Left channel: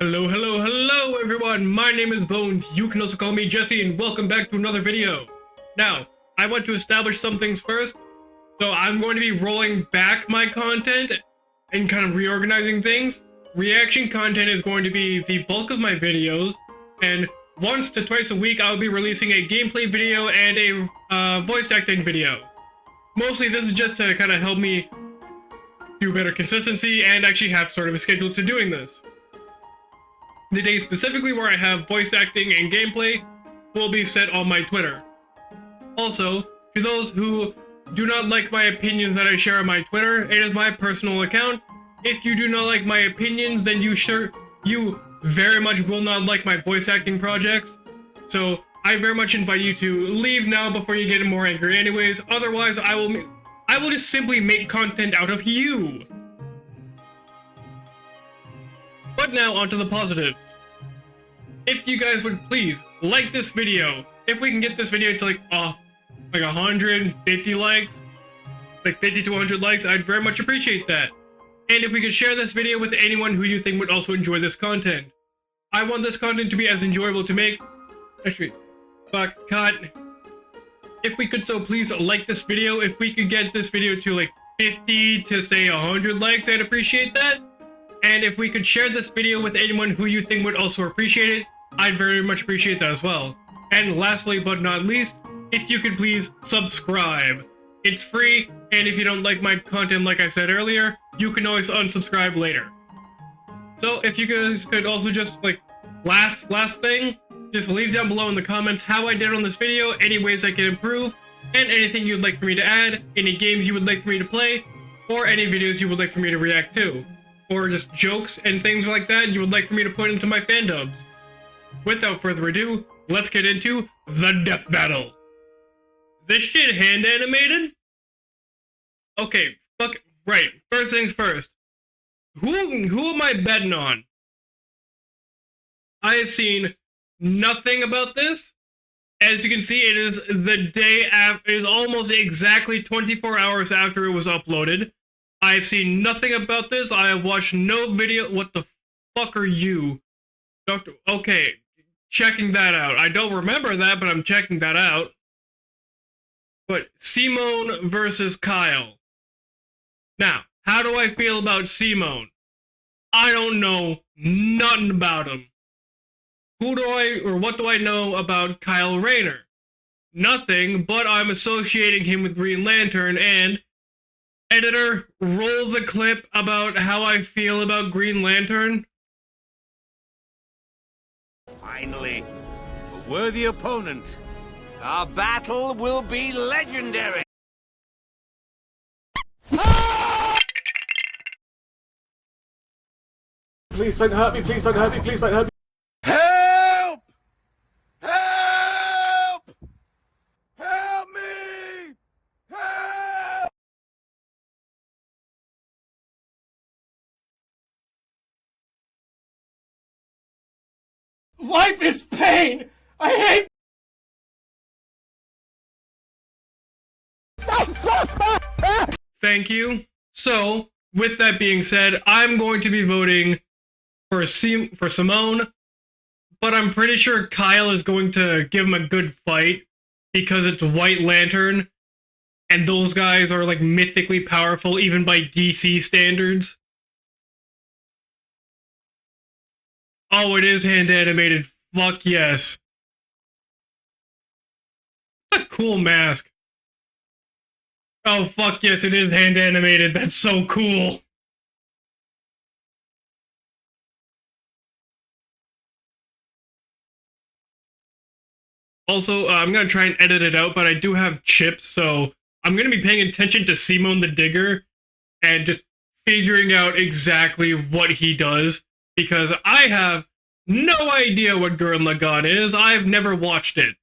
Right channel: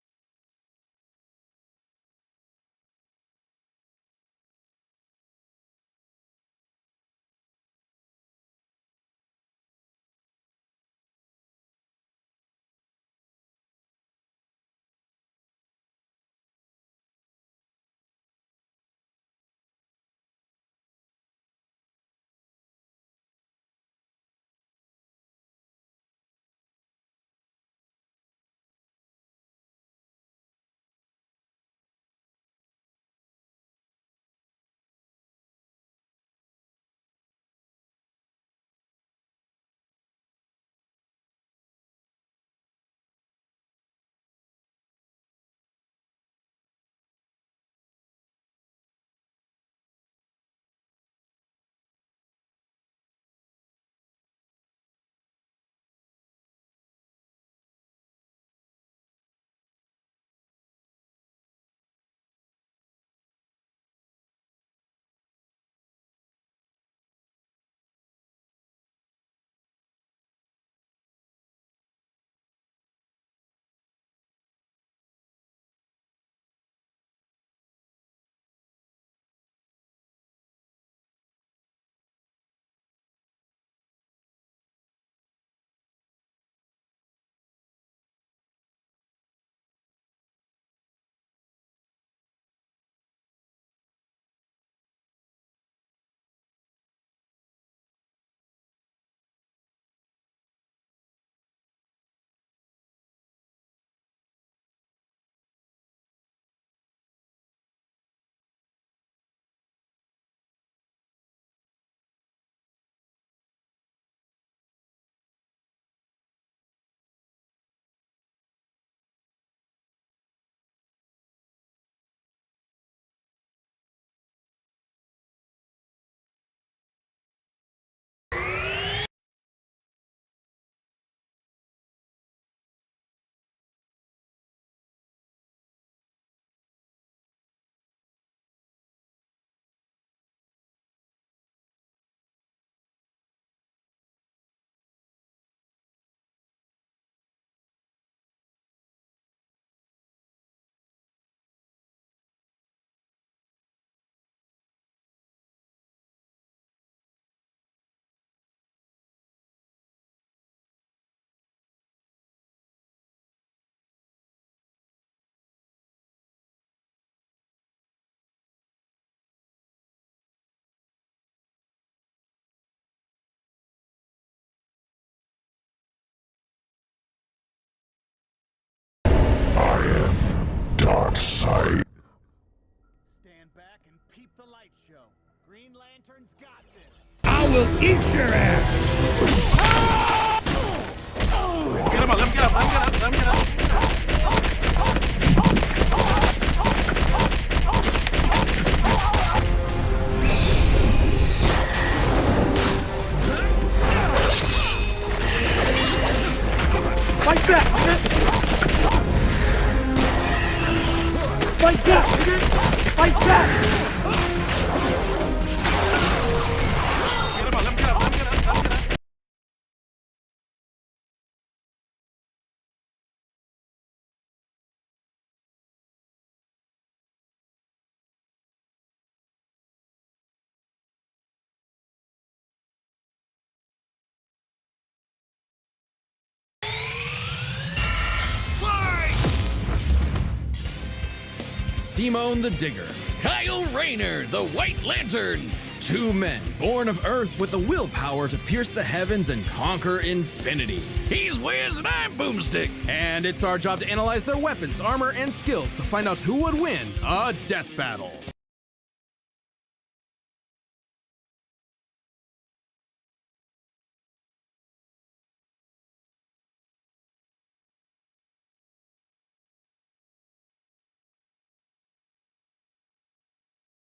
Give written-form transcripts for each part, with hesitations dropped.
Hello, hello, hello everyone! My name is Bones, you can also call me Jesse, and welcome back to another video. Now, I want to establish some things first, so I'm going to be rolling back my content and kind of reorganizing things. Reaction content is going to be the bulk of my videos, and once to twice a week I'll be releasing a gameplay video and a voice acting video. Mostly this is just to kind of help me do better consistency and actually have sort of a schedule to doing this. The day specifically where I have voice acting and gameplay will be set on my Twitter. Also, to those who do not like my opinions that I share on my Twitter, it is my personal account. If you do not like my opinions, then you very much will not like my voice acting projects. So I very much invite you to leave now before you get more angry anyways. Otherwise, I will just simply make content out of you. But now onto the positives. If you guys would please like this video, if we can get this video to like 150 likes, like 50 to 100 likes, I'd very much appreciate that. And if we could share this video with anyone who you think would also enjoy this content. I want this content to be as enjoyable to make. Actually, fuck, cut. If we could so please like this video, if we could get this video to like 50 to say 100 likes, I'd appreciate that. And if we could share this video with anyone who you think would also appreciate it, I'd very much appreciate that as well. And lastly but not least, if you could please subscribe. It's free, and if you don't like my content like I said earlier, you can always unsubscribe later. So if you guys could also just like, last thing, just leave down below in the comments how I did on this video, any ways I can improve, and anything you'd like for me to add, any games you would like for me to play, or any videos you would like for me to react to. Or just jokes and things like that you would like for me to put into my fan dubs. Without further ado, let's get into the death battle. Is this shit hand animated? Okay, fuck it. Right, first things first. Who am I betting on? I have seen nothing about this. As you can see, it is the day after, it is almost exactly 24 hours after it was uploaded. I've seen nothing about this. I have watched no video. What the fuck are you? Doctor, okay, checking that out. I don't remember that, but I'm checking that out. But Simone versus Kyle. Now, how do I feel about Simone? I don't know nothing about him. What do I know about Kyle Rayner? Nothing, but I'm associating him with Green Lantern, and editor, roll the clip about how I feel about Green Lantern. I am Darkseid. Finally, a worthy opponent. Our battle will be legendary. I will eat your ass. Get him up, let him get up, let him get up. Please don't hurt me, please don't hurt me, please don't hurt me. Like that! Like that! Hey! Like that! Thank you. So, with that being said, I'm going to be voting for Simone, but I'm pretty sure Kyle is going to give him a good fight because it's White Lantern, and those guys are like mythically powerful even by DC standards. Oh, it is hand animated. Fuck Simone yes. the Digger, Kyle Rayner, the White Lantern. Cool Two mask. men born of Earth with the willpower Oh to fuck pierce yes, the it is heavens hand and animated. conquer That's so infinity. cool. He's Wiz and I'm Boomstick, and it's our job to analyze their weapons, armor, and skills to find out who would win a death battle. Also, I'm gonna try and edit it out, but I do have chips, so I'm gonna be paying attention to Simone the Digger and just figuring out exactly what he does, because I have no idea what Gurren Laggann is. I've never watched it.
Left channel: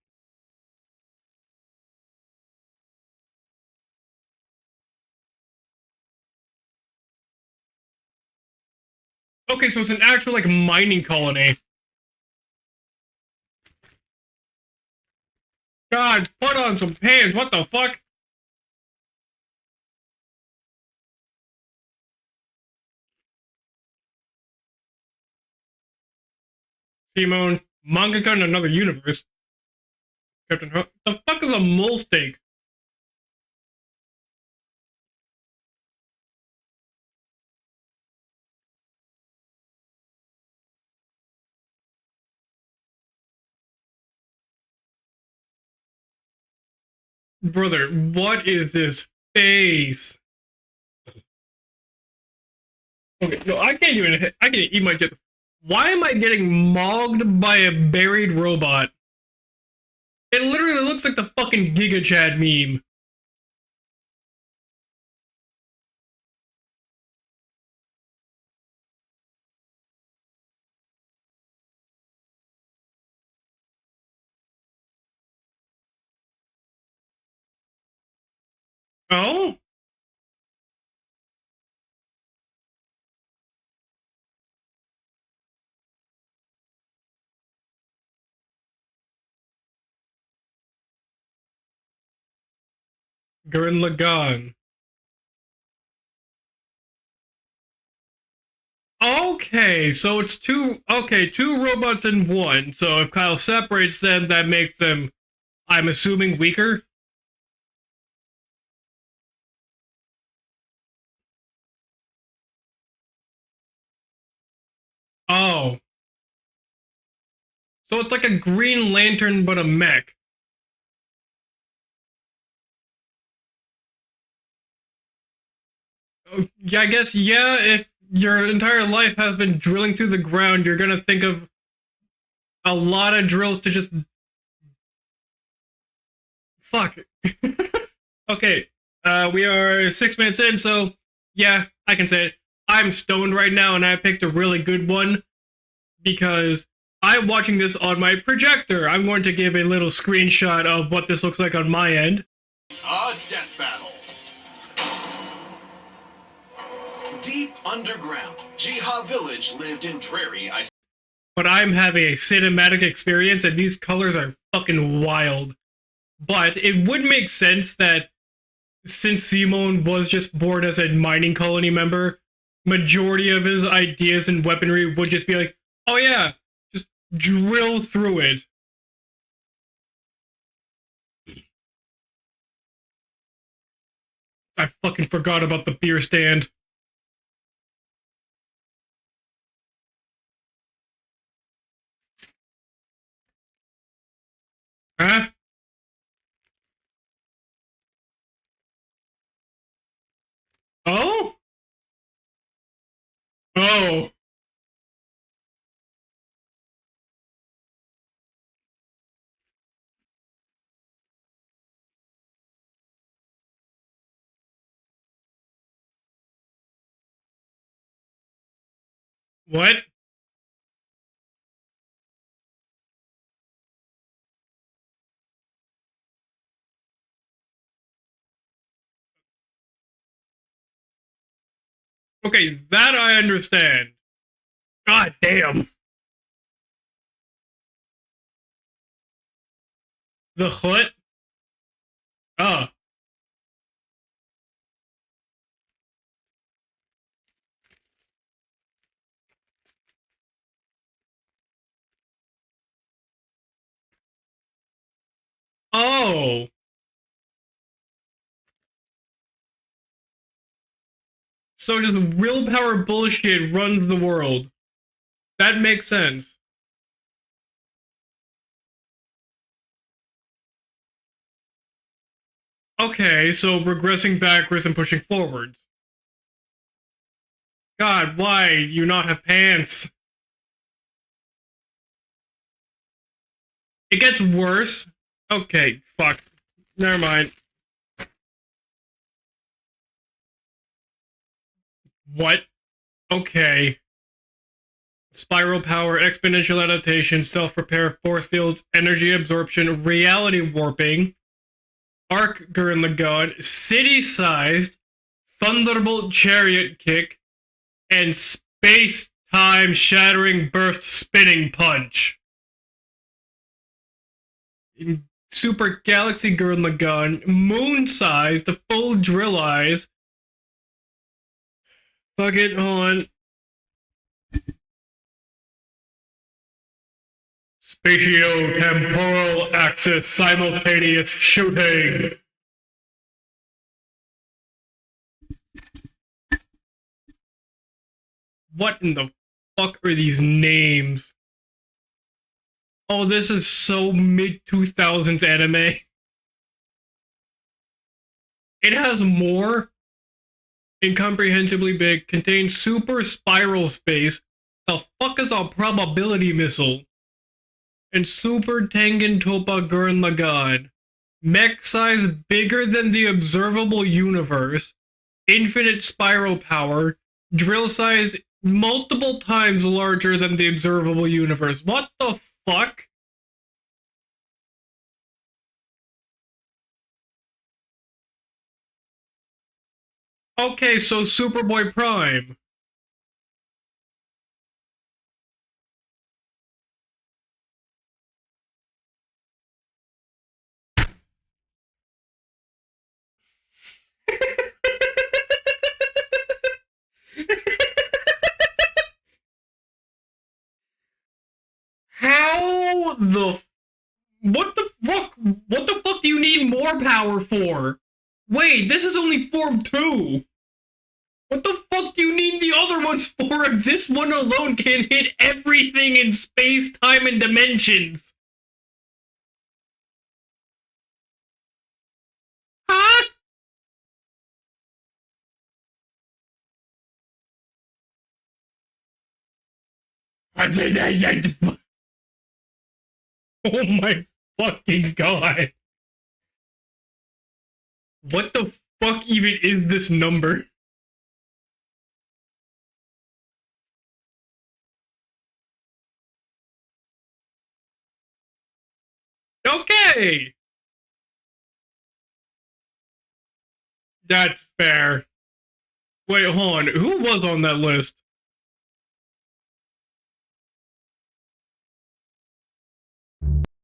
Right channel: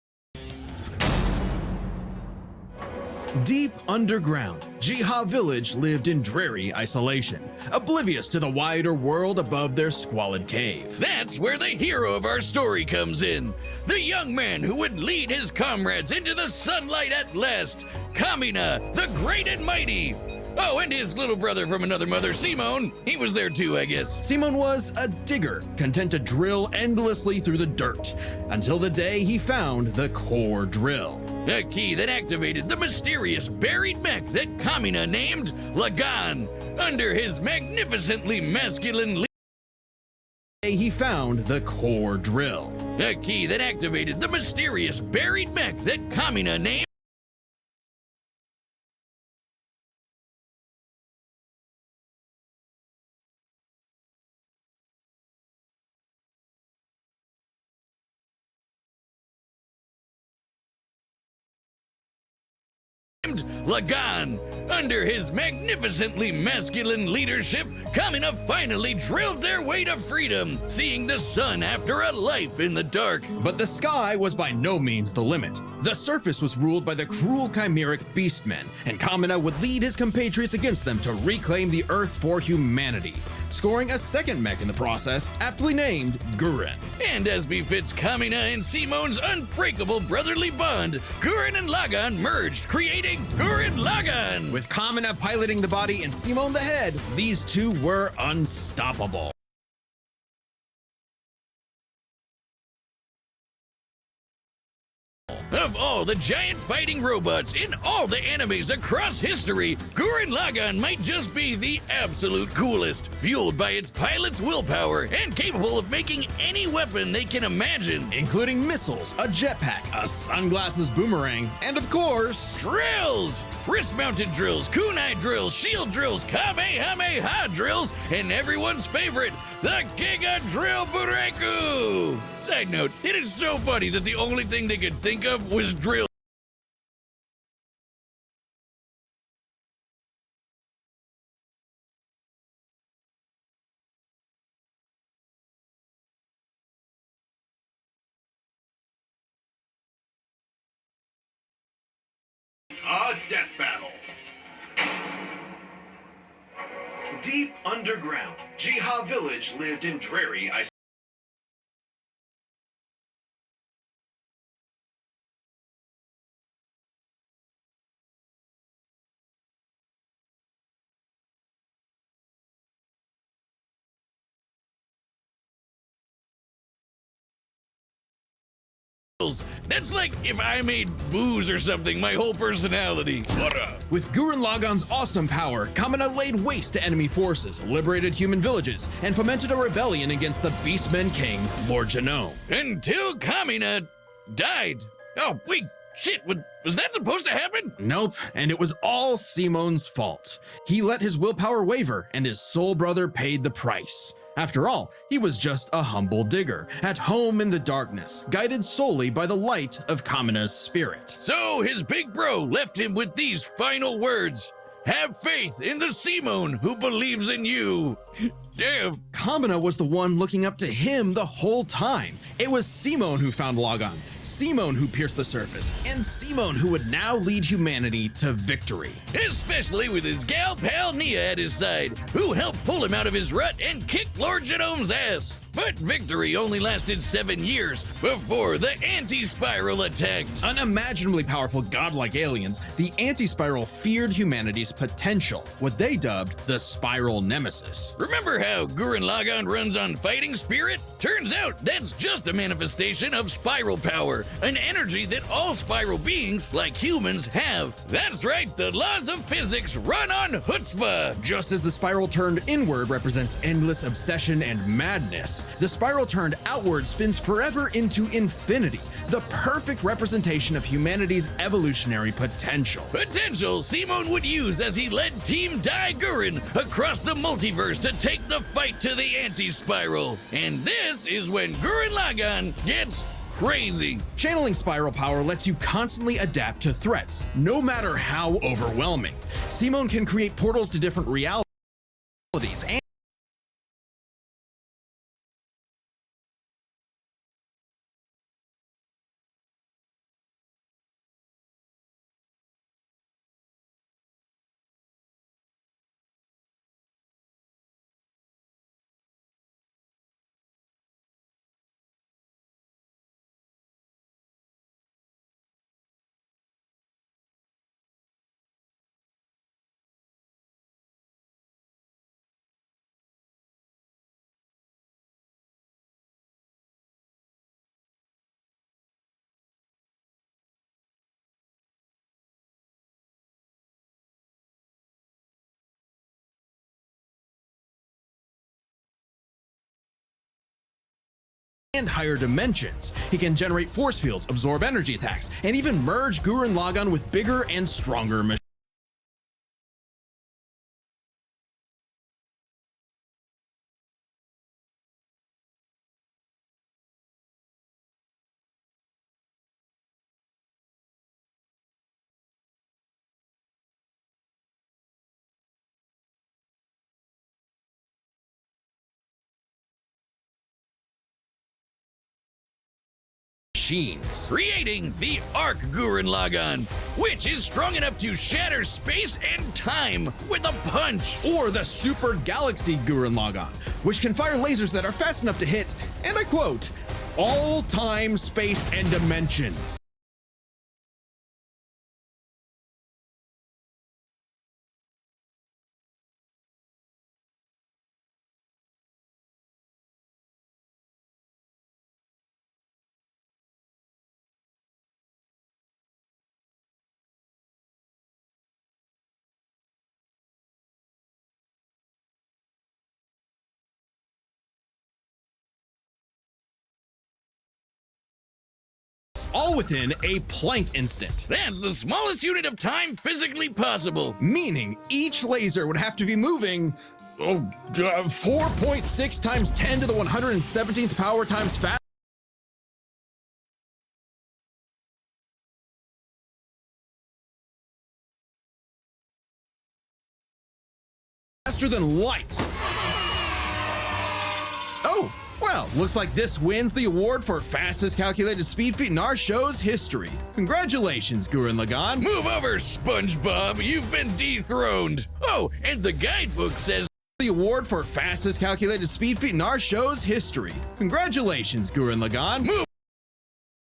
Deep underground, Jiha Village lived in dreary isolation, oblivious to the wider world above Okay, so their it's an actual like squalid mining cave. colony. That's where the hero of our story comes in. The young man who would lead his comrades God, into the put on some sunlight pants, at what the last. fuck? Kamina, the great and mighty. Oh, and his little brother from another mother, Simon. He was there too, I guess. Simon was a digger, content to drill endlessly Simon, through the dirt. mangaka in another until universe. the day he found the core The drill. fuck is The a key mole that steak? activated the mysterious buried mech that Kamina named Laggann under his magnificently masculine He found the core drill. A key that activated the mysterious buried mech that Kamina named. Brother, what is this face? Okay, no, I can't even. I can eat my chip. Why am I getting mogged by a buried robot? It literally looks like the fucking Giga Chad meme. Laggann. Under his magnificently masculine leadership, Kamina finally drilled their way to freedom, seeing the sun after a life in the dark. But the sky was by no means the limit. The surface was ruled by the cruel chimeric beastmen, and Kamina would lead his compatriots against them to reclaim the Earth for humanity, scoring a second mech in the process, aptly named Gurren. And as befits Kamina and Simon's unbreakable brotherly bond, Gurren and Laggann merged, creating Gurren Laggann. With Kamina piloting the body and Simon the head, these two were unstoppable. Okay, so it's two robots in one. So if Kyle separates them, that makes them, Of I'm all assuming, the giant weaker? fighting robots in all the animes across history, Gurren Laggann might just be the absolute coolest, fueled by its pilot's willpower and capable of making any weapon they can imagine. So it's like a Including Green missiles, Lantern, but a jetpack, mech. a sunglasses boomerang, and of course, drills, wrist-mounted drills, kunai drills, shield drills, Kamehameha Yeah, I guess, yeah, drills, if and your everyone's entire life favorite, has been drilling through the Giga ground, you're gonna think of Drill Side a note, lot of it's drills so to funny just- that the only thing they could think of was drill. fuck. Okay, we are 6 minutes in, so yeah, I can say it. I'm stoned right now, and I picked a really good one because I'm watching this on my projector. I'm going to give a little screenshot of what this looks like on my end. a death battle. Deep underground, Jiha village lived in dreary isolation. But I'm having a cinematic experience, and these colors are fucking wild. But it would make sense that since Simon was just born as a mining colony member, majority of his ideas and weaponry would just be like, oh yeah, just drill through it. That's like if I made booze or something, my whole personality. What up? With Gurren Lagann's fucking awesome forgot power, about the beer Kamina laid stand. waste to enemy forces, liberated human villages, and fomented a rebellion against the Beastmen King, Lord Genome. Until Kamina died. Huh? Oh, wait, shit, was that supposed to happen? Nope, and it was all Simon's fault. He let his Oh? willpower waver, and his soul brother paid the price. After all, he was just a humble digger, at home in the darkness, guided solely by the light of Kamina's spirit. So his big bro left him with these final words. Have faith in the Simon who believes in you. Damn. Kamina What? was the one looking up to him the whole time. It was Simon who found Laggann, Simon who pierced the surface, and Simon who would now lead humanity to victory. Especially with his gal pal Nia at his side, who Okay, helped pull that him out I of his rut understand. and kicked Lord Genome's God ass. damn. But victory only lasted 7 years before the anti-spiral attack. The foot? Unimaginably powerful godlike aliens, Oh. the anti-spiral feared humanity's potential, what they dubbed the spiral nemesis. Remember how Gurren Laggann runs on fighting spirit? Turns out that's just a manifestation of spiral power, an energy that all spiral beings, like humans, have. That's right, the laws of physics run on chutzpah. Just as the So spiral just turned willpower inward bullshit represents runs endless the obsession world. and madness, That the makes spiral sense. turned outward spins forever into infinity, the perfect representation of humanity's evolutionary potential. Okay, so Simon regressing would backwards use and as he pushing led forward. Team Dai Gurren across the multiverse God, to take why the fight you to not the have pants? anti-spiral. And this is when Gurren Laggann gets crazy. It gets Channeling worse. spiral power lets Okay, you constantly fuck. adapt to Never threats, mind. no matter how overwhelming. Simon can create portals to different realities What? and Okay. Spiral power, exponential adaptation, self-repair, force fields, energy absorption, reality warping, arc Gurren Lagann, city-sized, thunderbolt chariot kick, and space-time shattering burst spinning punch. Super Galaxy Gurren Lagann, moon-sized, the full drill eyes, Fuck it, hold on. Spatio-temporal axis simultaneous shooting. What in the fuck are these names? And higher dimensions. Oh, this He can is generate so force fields, absorb energy mid-2000s attacks, and anime. even merge Gurren Laggann with bigger and stronger machines. It has more incomprehensibly big, contains super spiral space. The fuck is a probability missile? And super Tengen Toppa Gurren Lagann. Mech size bigger than the observable universe. Infinite spiral power. Drill size multiple times larger than the observable universe. What the fuck? Creating the Arc Gurren Laggann, which is strong enough to shatter space and time with Okay, a so punch. Superboy Or the Super Prime. Galaxy Gurren Laggann, which can fire lasers that are fast enough to hit, and I quote, all time, space, and dimensions. How the... What the fuck? What the fuck do you need more power for? Wait, this is only Form 2. What the fuck do you need the other ones for if this one alone can hit everything in space, time, and dimensions? All within a Planck instant. That's the smallest unit of time Huh? physically possible. Meaning each laser would have to be moving 4.6 times 10 to the 170th power times fast. Oh my fucking god. What the fuck even is this number? Faster than light. Oh, well, looks like this wins the award for fastest calculated speed feat in our show's Okay. history. Congratulations, Gurren Laggann. Move over, SpongeBob. You've been That's dethroned. fair. Oh, and the guy Wait, hold on. says Who was The on that award for list? fastest calculated speed feat in our show's history. Congratulations, Gurren Laggann.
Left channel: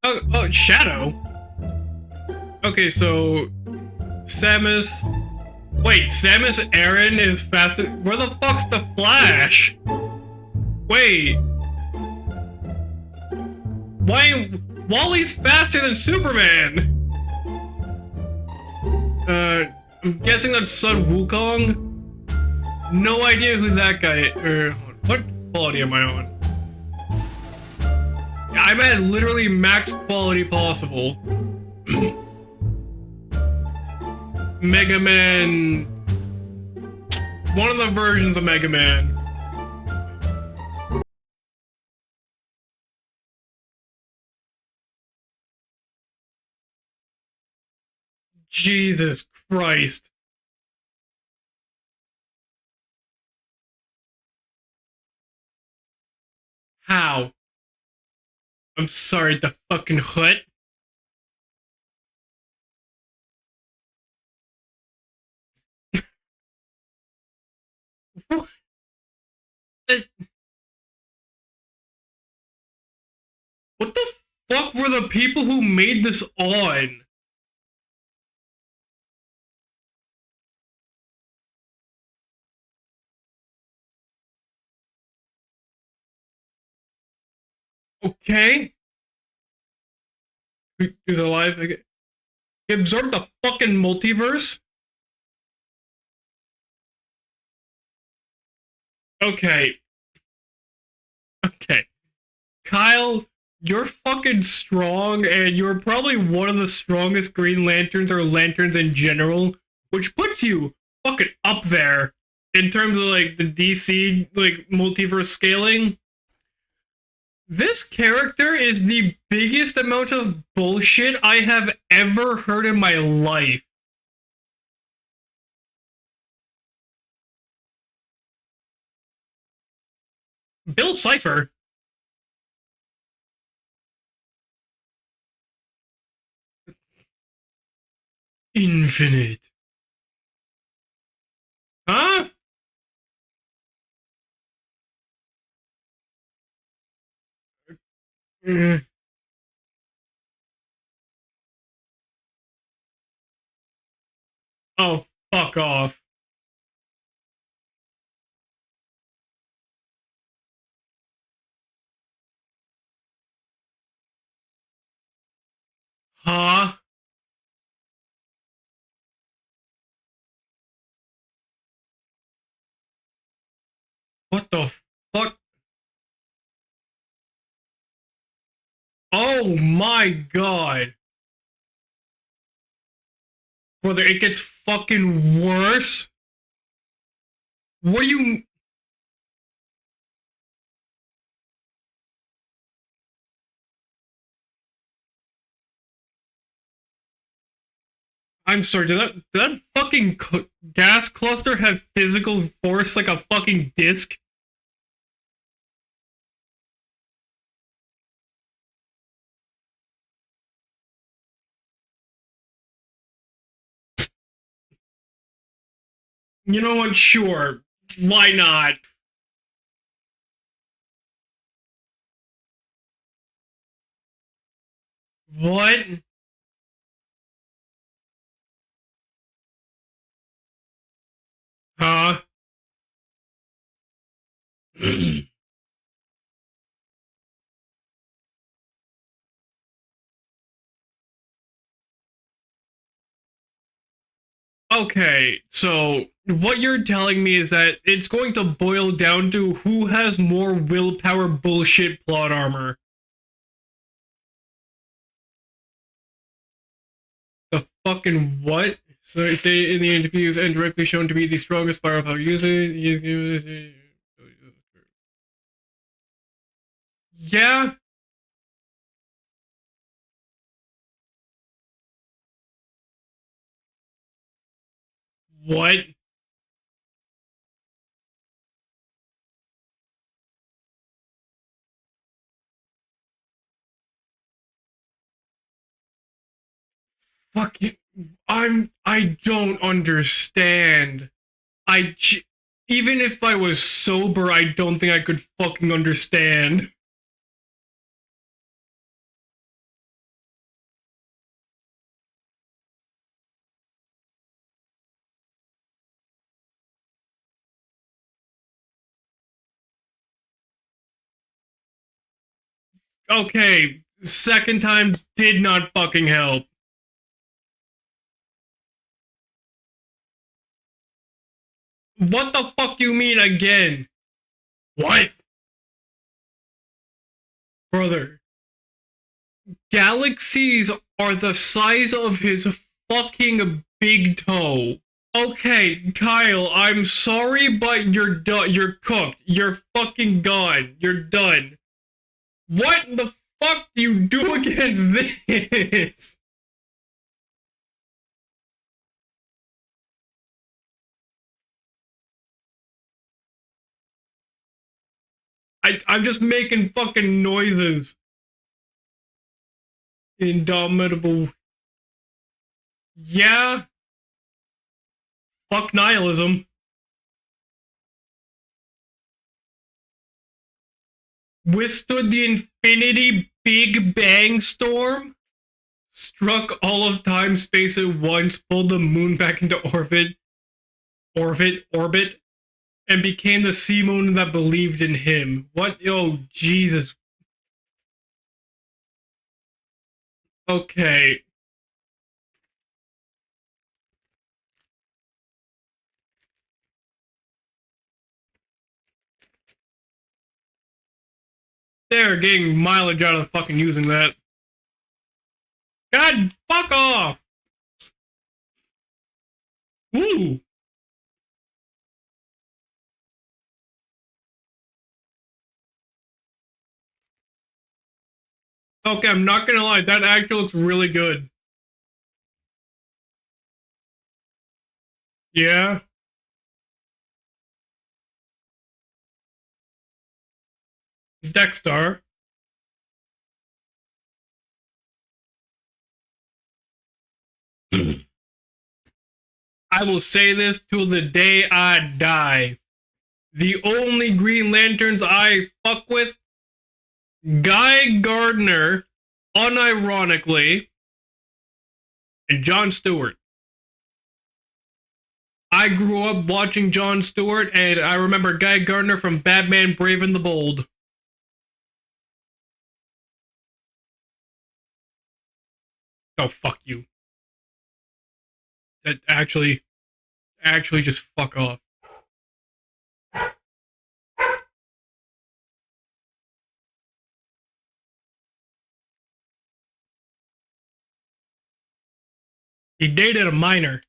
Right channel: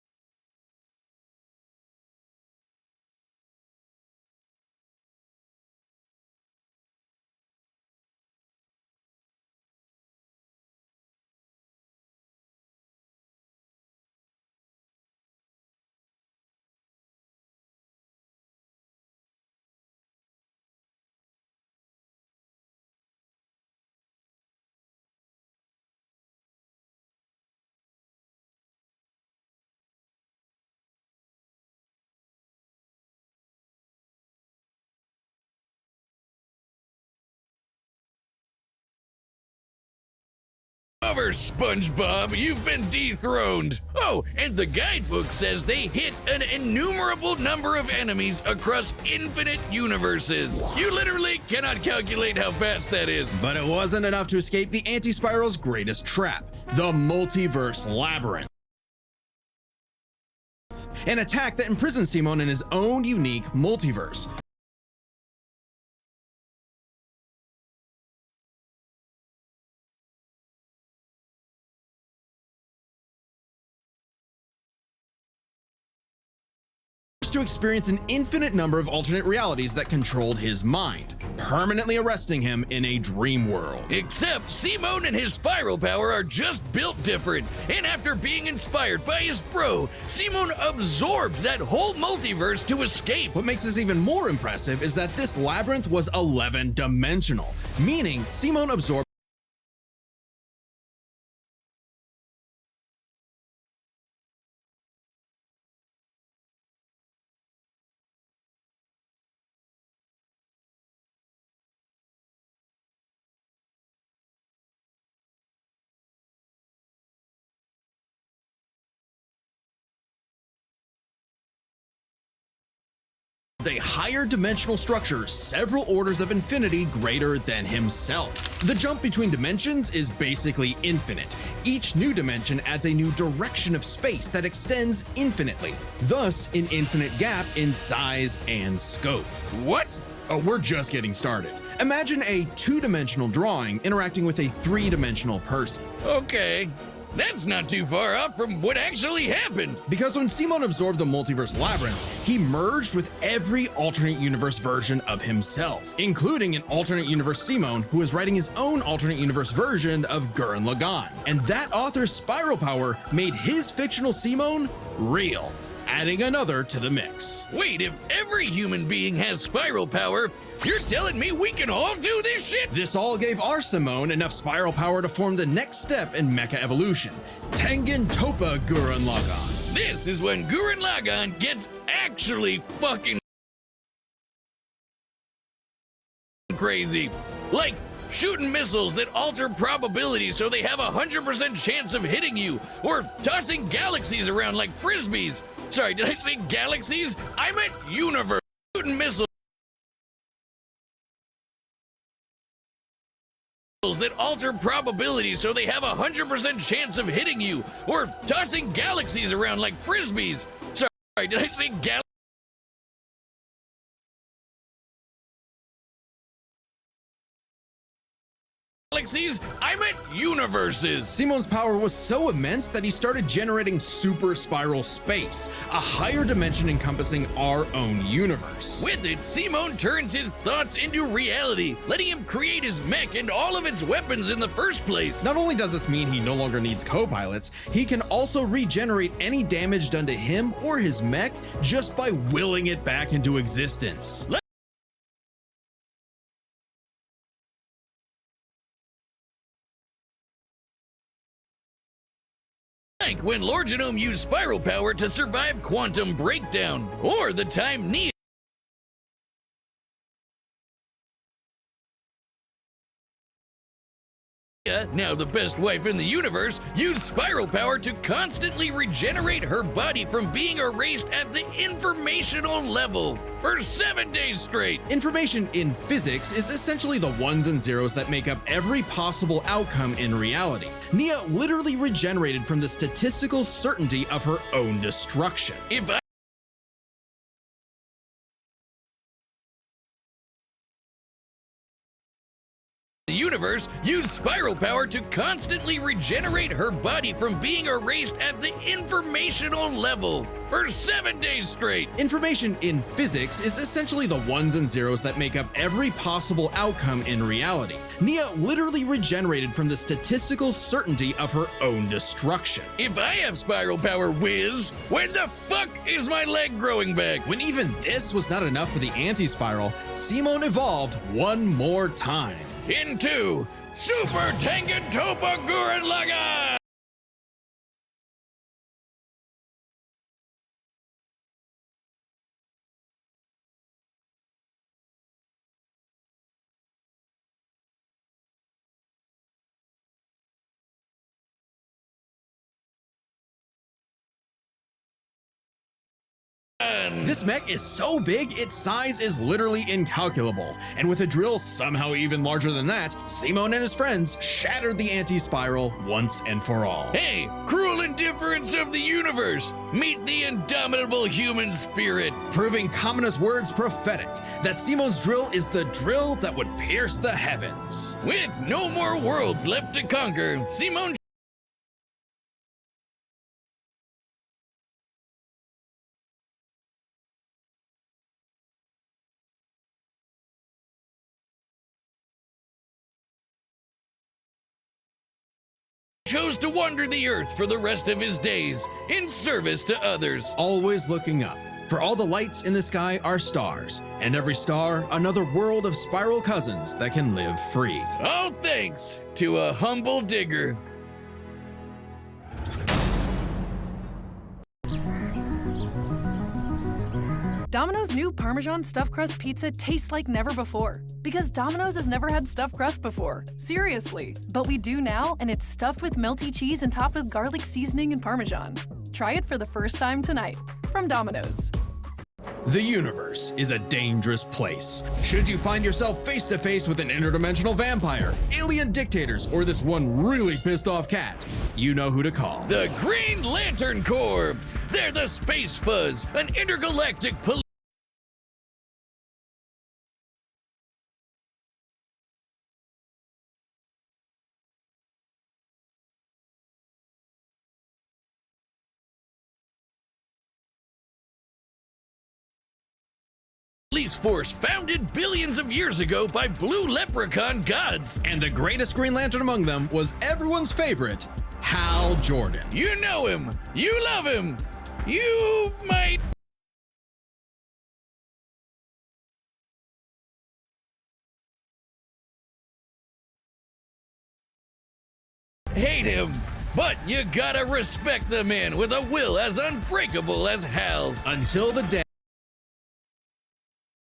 Oh, Shadow. Okay, so Samus. Wait, Samus Aran is faster. Where the fuck's the Flash? Wait. Why? Wally's faster than Superman. I'm guessing that's Sun Wukong. No idea who that guy. What quality am I on? I'm at literally max quality possible. Mega Man. One of the versions of Mega Man. over, SpongeBob. You've been dethroned. Oh, and the guidebook says they hit an innumerable number of enemies across Jesus infinite Christ. universes. You literally cannot calculate how fast that is. But it wasn't enough to escape the anti-spiral's greatest trap, the Ow. multiverse labyrinth. I'm sorry, the fucking hut. An attack that imprisons Simon in his own unique multiverse. What the fuck were the people who made this on? To experience an infinite number of alternate realities that controlled his mind, permanently arresting him in a dream world. Except Simone and his spiral power are just built different. And after Okay. being inspired by his bro, Simone absorbed alive that again. whole multiverse He to absorbed the escape. What makes this fucking even more multiverse? impressive is that this labyrinth was 11-dimensional, meaning Simone absorbed Okay. Okay. Kyle, you're fucking strong, and you're probably one of the strongest Green Lanterns or Lanterns in general, which puts you fucking up there in terms of like the DC like multiverse scaling. This character is the biggest amount of bullshit I have ever heard in my life. a higher dimensional structure several orders of infinity greater than himself. The jump between dimensions is basically Bill infinite. Cipher. Each new dimension adds a new direction of space that extends infinitely, thus an infinite gap in size and Infinite. scope. What? Oh, we're just getting started. Imagine Huh? a two-dimensional drawing interacting with a three-dimensional person. Okay. That's not too far off from what actually happened. Because when Simon absorbed the multiverse labyrinth, he merged with every alternate universe version of fuck himself, off. including an alternate universe Simon who is writing his own alternate universe version of Gurren Laggann. And that author's spiral power made his fictional Simon real, adding another to the mix. Wait, if every human being has spiral power, you're telling me we can all do this shit? This all gave our Simone enough What the spiral power to fuck? form the next step in mecha evolution, Tengen Toppa Gurren Lagann. Oh my This is when Gurren god. Lagann gets actually fucking Brother, it gets fucking worse. crazy. Like What do you- shooting missiles that alter probability so they have a 100% chance of hitting you, or tossing galaxies around like frisbees. Sorry, did I say galaxies? I meant universe. I'm sorry, did that fucking gas cluster have physical force like a fucking disc? That alter probability so they have a 100% chance of hitting you, or tossing galaxies around like frisbees. Sorry, did I say You know what? Sure. Why not? galaxies? I meant universes. Simon's power was so immense that he started generating super spiral space, What? a higher dimension encompassing our own universe. With it, Simon turns his thoughts into reality, Huh? letting him create his mech and all of its weapons in the first place. Not only does this mean he no longer needs co-pilots, he can also regenerate any damage done to him or his mech just by willing it back into existence. Okay, so what you're telling me is that it's going to boil down to who has more willpower bullshit plot armor. Like when Lord Genome used spiral power to survive quantum breakdown, or the The time needed. fucking what? So they say in the interviews and directly shown to be the strongest spiral power user. Now the best wife in the universe used spiral Yeah. power to constantly regenerate her body from being erased at the informational level for 7 days straight. Information What? in physics is essentially the ones and zeros that make up every possible outcome in reality. Nia literally regenerated from the statistical certainty of her own destruction. If I Fuck you. I don't understand. Even if I was universe used sober, I spiral don't power think I to could constantly fucking regenerate understand. her body from being erased at the informational level for 7 days straight. Information in physics is essentially the ones and zeros that make up every possible outcome in reality. Nia literally regenerated from the statistical certainty of her own destruction. If I have Okay, spiral power, second whiz, time when the did not fuck fucking is my help. leg growing back? When even this was not enough for the anti-spiral, Simon evolved one more time. What the fuck you mean Into again? Super Tengen What? Toppa Gurren Lagann! Brother. Galaxies are the size of his fucking big toe. Okay, Kyle, I'm sorry, but you're done. You're cooked. You're fucking gone. You're done. What the fuck do you do against this? This mech is so big, its size is literally incalculable. And with a drill somehow even larger than that, Simon and his friends shattered the anti-spiral. I'm once just and making for all. fucking Cruel noises. indifference of the universe. Meet the Indomitable. indomitable human spirit. Proving Kamina's Yeah. words prophetic, that Simon's drill is Fuck the drill nihilism. that would pierce the heavens. With no more worlds left to conquer, Simon Withstood the infinity Big Bang storm, struck all of time space at once, pulled the moon back into orbit, and became the Simon that believed in him. What? Oh, chose to wander Jesus. the earth for the rest of his days in service to others. Always Okay. looking up. For all the lights in the sky are stars, and every star another world of spiral cousins that can live free. All thanks to a humble digger. They're getting mileage out of fucking using that. God, fuck off! Domino's new Parmesan stuffed crust pizza tastes like Mm. never before. Because Domino's has never had stuffed crust before. Seriously. But we do now, and it's stuffed with melty cheese and topped with garlic seasoning and Parmesan. Okay, Try I'm it not for the gonna first lie, time that tonight actually looks really from good. Domino's. The universe is a dangerous place. Should you Yeah. find yourself face to face with an interdimensional vampire, alien dictators, or this one really pissed off cat, Dexter. you know who to call. The Green Lantern Corps. They're the Space Fuzz, an intergalactic police. I will say this till the day I die. The only Green Lanterns I fuck with Guy Gardner, unironically, and Jon Stewart. Police force founded billions of I years grew ago up by watching blue Jon leprechaun Stewart, guys. and I remember the Guy greatest Green Gardner Lantern from among Batman them was Brave and the everyone's Bold. favorite, Hal Jordan. You know him. You love him. You might Oh, fuck you. That actually just fuck off. hate him. But you gotta respect a man with a will as unbreakable as Hal's. Until the day He dated a minor.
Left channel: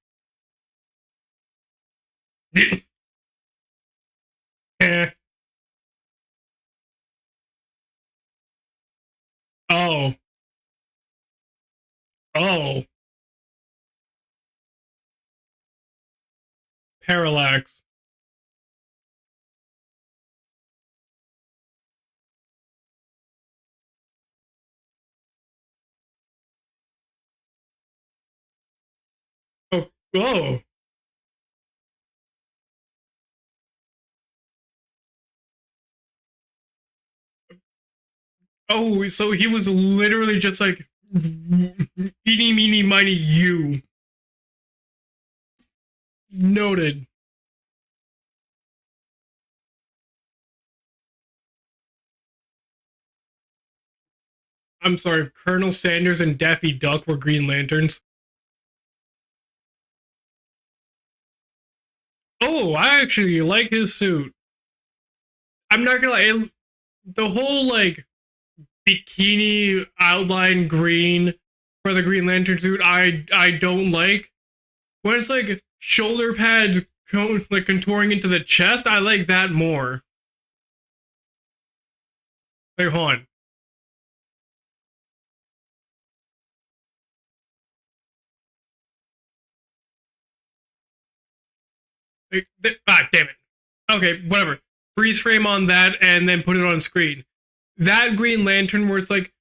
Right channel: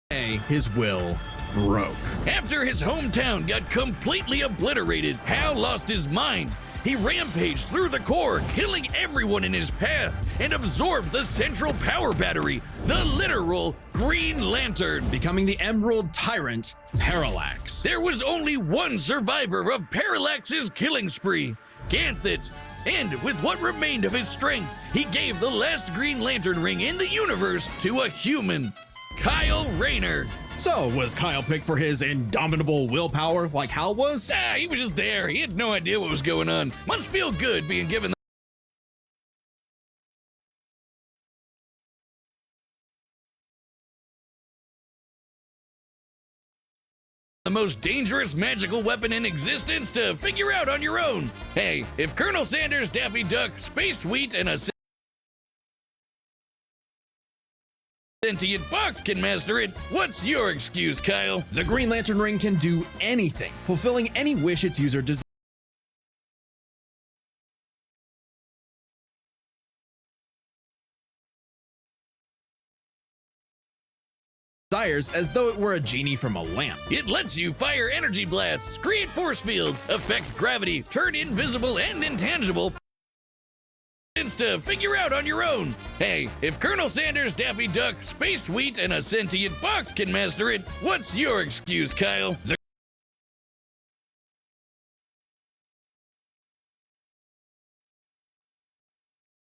his will broke. After his hometown got completely obliterated, Hal lost his mind. He rampaged through the core, killing everyone in his path, and absorbed the central power battery, the literal Green Lantern. Becoming the Emerald Tyrant, Parallax. There was only one survivor of Parallax's killing spree, Ganthet. And with what remained of his strength, he gave the last Green Lantern ring in the universe to a human, Kyle Rayner. Oh. So, was Kyle picked for his indomitable willpower like Hal was? He was just there. He had no idea what was going on. Must feel good being given Oh, so he was literally just like, eeny, meeny, miny, you. Noted. the most dangerous magical weapon in existence to figure out on your own. Hey, if Colonel Sanders, Daffy Duck, Space Wheat, and a I'm sorry, if Colonel Sanders and Daffy Duck were Green Lanterns. sentient fox can master it, what's your excuse, Kyle? The Green Lantern ring can do I actually anything, like his fulfilling suit. any wish its user I'm not gonna lie, the whole like bikini outline green for the Green Lantern suit, I don't like. desires When as it's though like it were a genie shoulder from a pads lamp. It lets you like fire contouring energy into the blasts, chest, I create like force that fields, more. affect gravity, turn invisible and intangible, Hey, hold on. to figure out on your own. Hey, if Colonel Sanders, Daffy Duck, Space Wheat, and a sentient fox can master it, what's your excuse, Kyle? Damn it. Okay, whatever. Freeze frame on that and then put it on screen. That Green Lantern where it's like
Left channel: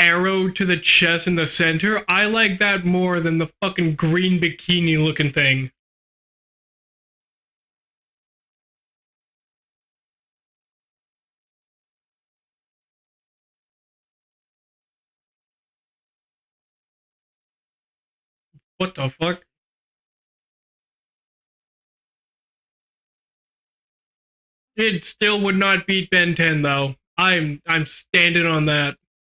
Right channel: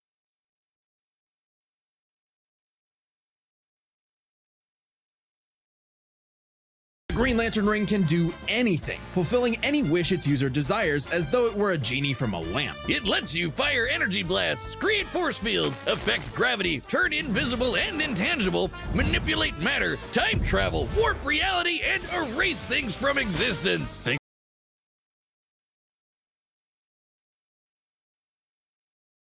arrow to the chest in the center, I like that more than the fucking green bikini looking thing. The Green Lantern ring can do anything, fulfilling any wish its user desires as though it were a genie from a lamp. It lets you fire energy blasts, create force fields, affect gravity, turn invisible and intangible, What the manipulate matter, time travel, warp reality, and erase things from existence. It still would not beat Ben 10 though. I'm standing on that.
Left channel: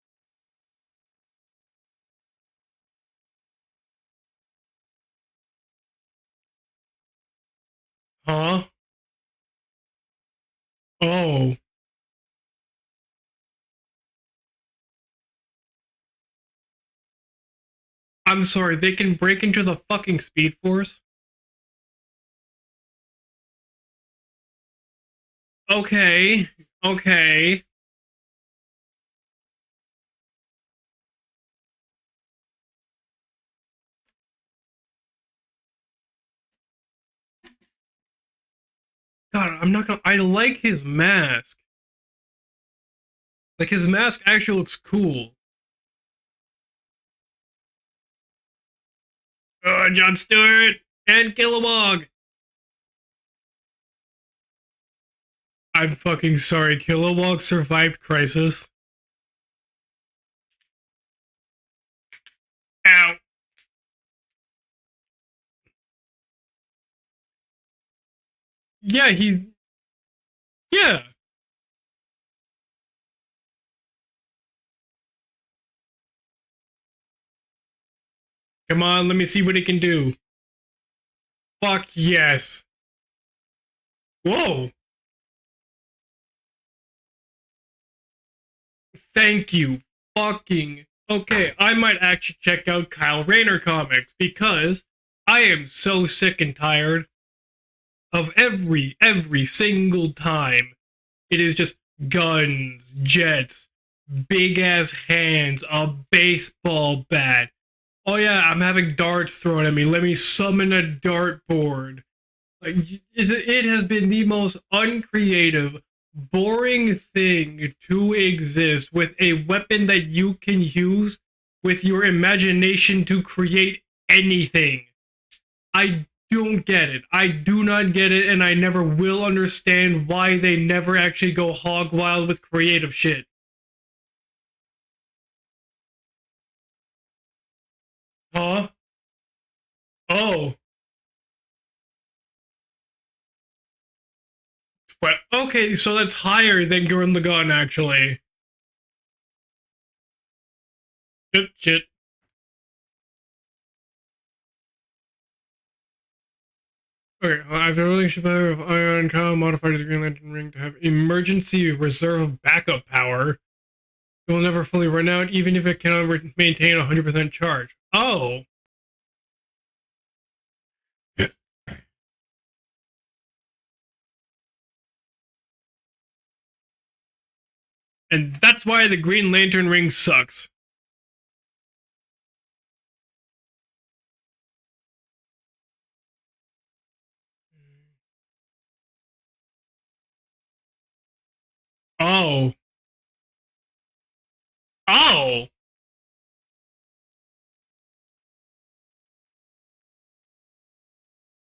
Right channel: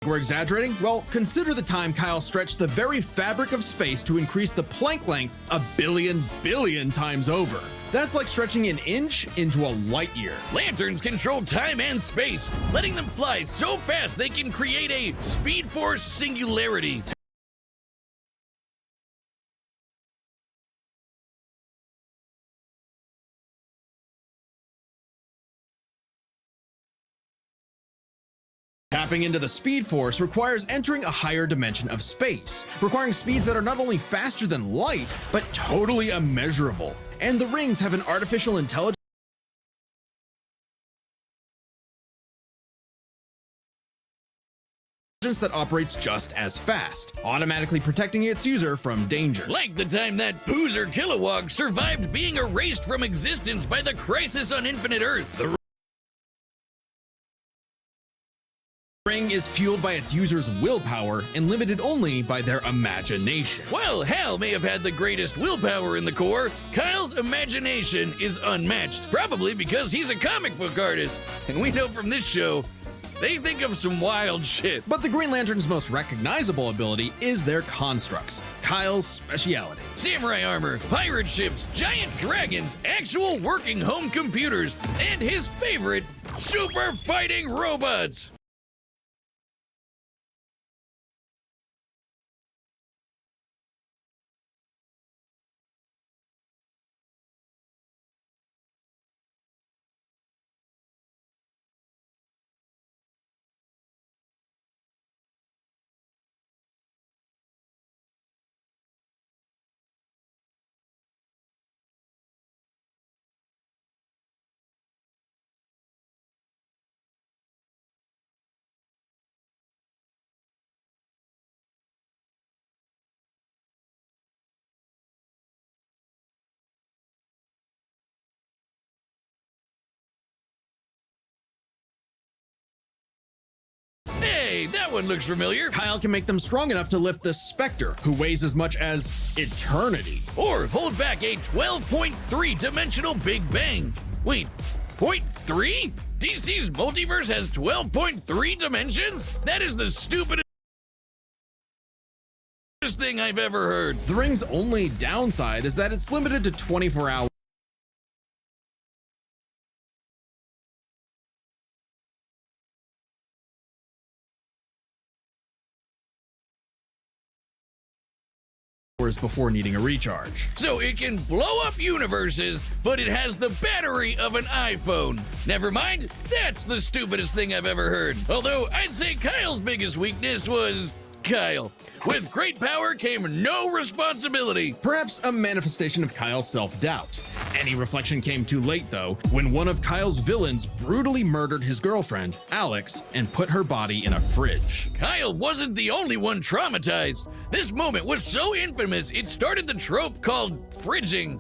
We're exaggerating? Well, consider the time Kyle stretched the very fabric of space to increase the Planck length a billion times over. That's like stretching an inch into a light year. Lanterns control time and space, letting them fly so fast they can create a Speed Force singularity. I'm sorry, they can break into the fucking Speed Force? Okay. Tapping into the Speed Force requires entering a higher dimension of space, requiring speeds that are not only faster than light, but totally immeasurable. And the rings have an artificial intelligence God, I'm not gonna. I like his mask. Like, his mask actually looks cool. that operates just as fast, automatically protecting its user from danger. Like the time Jon that Stewart Boozer and Kilowog Kilowog. survived being erased from existence by the crisis on Infinite Earth. I'm fucking sorry. Kilowog survived Crisis. The ring is fueled by its user's willpower and limited only by their imagination. While Hal may have had the greatest willpower in the Corps, Kyle's imagination is unmatched. Yeah, probably because he's a comic book artist. And we know from this show, they think of some wild shit. But the Green Lantern's most recognizable ability is their constructs. Come on, Kyle's let me see what he can do. Samurai armor, pirate ships, Fuck giant yes. dragons, actual working home computers, and his favorite, super fighting robots. Thank you. Fucking. Okay, I might actually check out Kyle Rayner comics because I am so sick and tired of every single time it is just guns, jets, big ass hands, a baseball bat. Oh yeah, I'm having darts thrown at me. Let me summon a dartboard. Like, it has been the most uncreative, boring thing to exist with a weapon that you can use with your imagination to create anything. I don't get it. I do not get it, and I never will understand why they never actually go hog wild with creative shit. Hey, that one looks familiar. Kyle can make them strong enough to lift the Spectre, who weighs as much as eternity. Or hold back a 12.3 dimensional Big Bang. Wait. What? Okay, so that's higher than Gurren Laggann, actually. 12.3 dimensions? That is the stupidest Shit. thing I've ever heard. The ring's only downside is that it's limited to 24 hours. Okay, after a relationship of Ion, Kyle modified his Green Lantern ring to have emergency reserve backup power. It will never fully run out, even if it cannot maintain 100% charge. Oh. Before needing a recharge. So it can blow up universes, but it has the battery of an iPhone. Never mind, that's the stupidest thing I've ever heard. And that's why I'd the say Green Kyle's Lantern ring biggest sucks. weakness was Kyle. With great power came no responsibility. Perhaps a manifestation of Kyle's self-doubt. Any reflection came too late, though, when one of Kyle's villains brutally murdered his girlfriend, Alex, and put her body in a fridge. Kyle wasn't the only one traumatized. This moment was so infamous, it started the trope called fridging.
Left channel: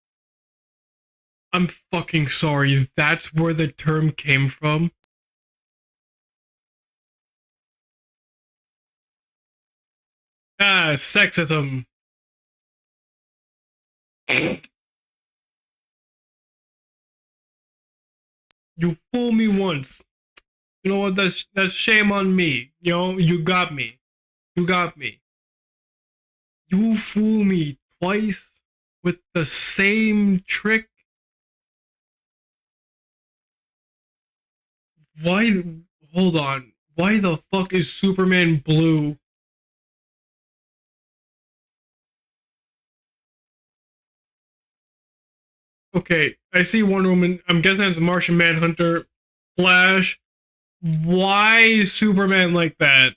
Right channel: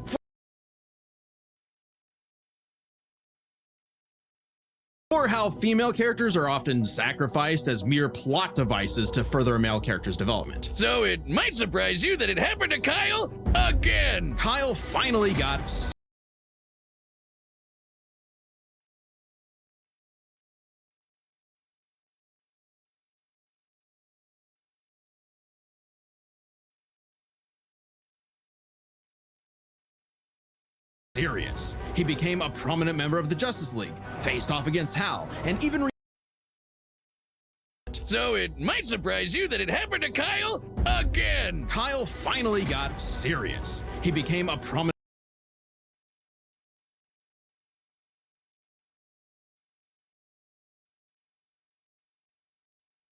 I'm fucking sorry, that's where the term came from? Or how female characters are often sacrificed as mere plot devices to further a male character's development. So it might Sexism. surprise you that it happened to Kyle again. Kyle finally got... You fool me once. You know what, that's shame on me. You know, you got me. You got me. You fool me twice with the same trick. Serious. He became a prominent member of the Justice League, faced off against Hal, Why? and even Hold on. Why the fuck is Superman so it might blue? surprise you that it happened to Kyle again. Kyle finally got serious. He became a prominent Okay, I see Wonder Woman. I'm guessing it's Martian Manhunter, Flash. Why is Superman like that?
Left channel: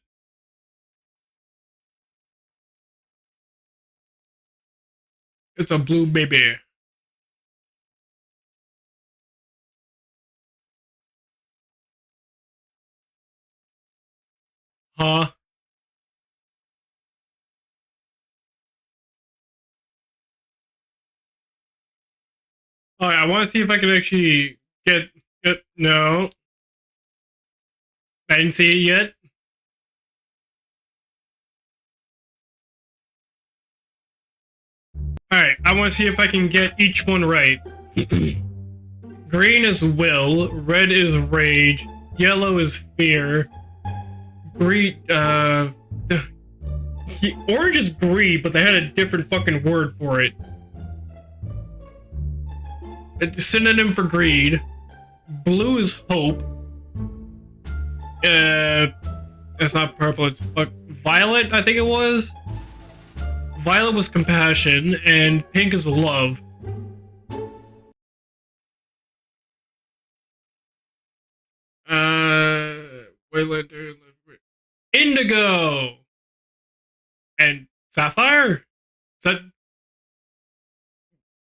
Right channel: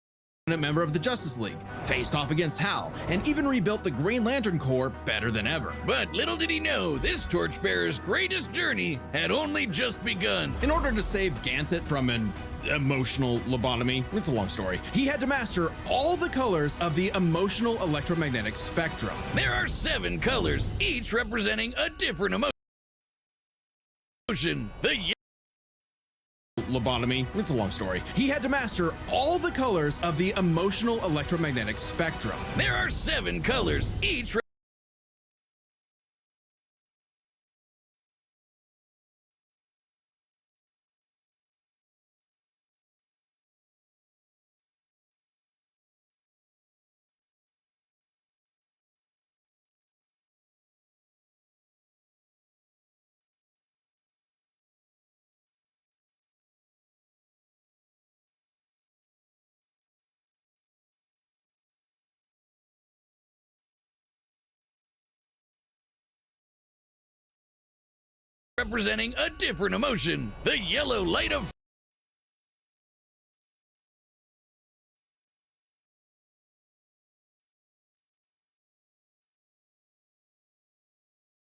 member of the Justice League, faced off against Hal, and even rebuilt the Green Lantern Corps better than ever. It's a blue But little did he baby. know, this torchbearer's greatest journey had only just begun. In order to save Ganthet from an emotional lobotomy, it's a long story, he had to master all the colors of the emotional electromagnetic spectrum. There are 7 colors, each representing a different emotion. Alright, I want to see if I can actually get no. Lobotomy, it's a long story. He I had to didn't see it master yet. all the colors of the emotional electromagnetic spectrum. There are 7 colors, each Alright, I want to see if I can get each one right. Green is will, red is rage, yellow is fear, green, orange is greed, but they had a different fucking word for it. It's a synonym for greed. Blue is hope. It's not purple, it's violet, I think it was. Violet was compassion, and pink is love. representing a different emotion. The yellow light of Indigo and sapphire. Is that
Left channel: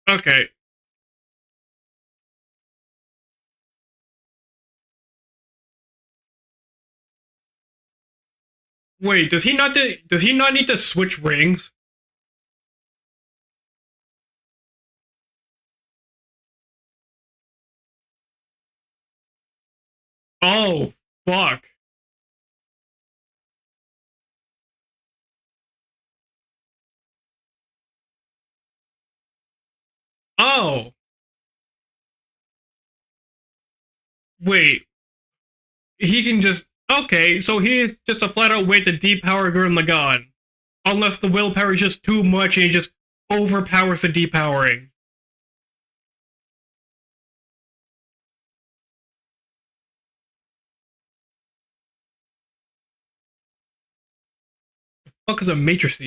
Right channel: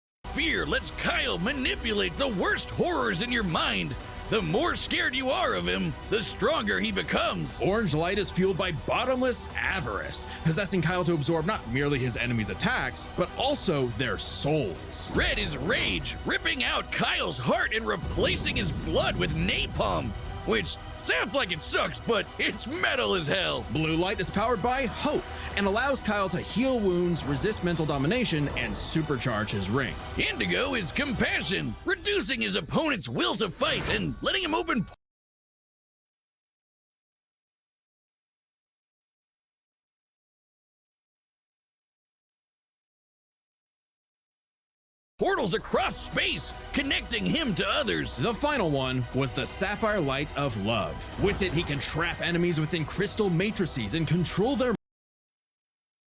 okay? fear lets Kyle manipulate the worst horrors in your mind. The more scared you are of him, the stronger he becomes. Orange light is fueled by bottomless Wait, does he not avarice, does he not need to possessing Kyle switch absorb rings? Not merely his enemies' attacks, but also their souls. Red is rage, ripping out Kyle's heart and replacing his blood with napalm. Oh, Which sounds like fuck. it sucks, but it's metal as hell. Blue light is powered by hope and allows Kyle to heal wounds, resist mental domination, and supercharge his ring. Indigo Oh. is compassion, reducing his opponent's will to fight and letting him Wait. open. He can just okay. So he just a flat out way to depower Gurren Laggann, unless the willpower is just too much and he just overpowers the depowering. Portals across space, connecting him to others. The final one was the Sapphire Light of Love. With it, he can trap enemies within crystal matrices and control their Fuck is a matrice?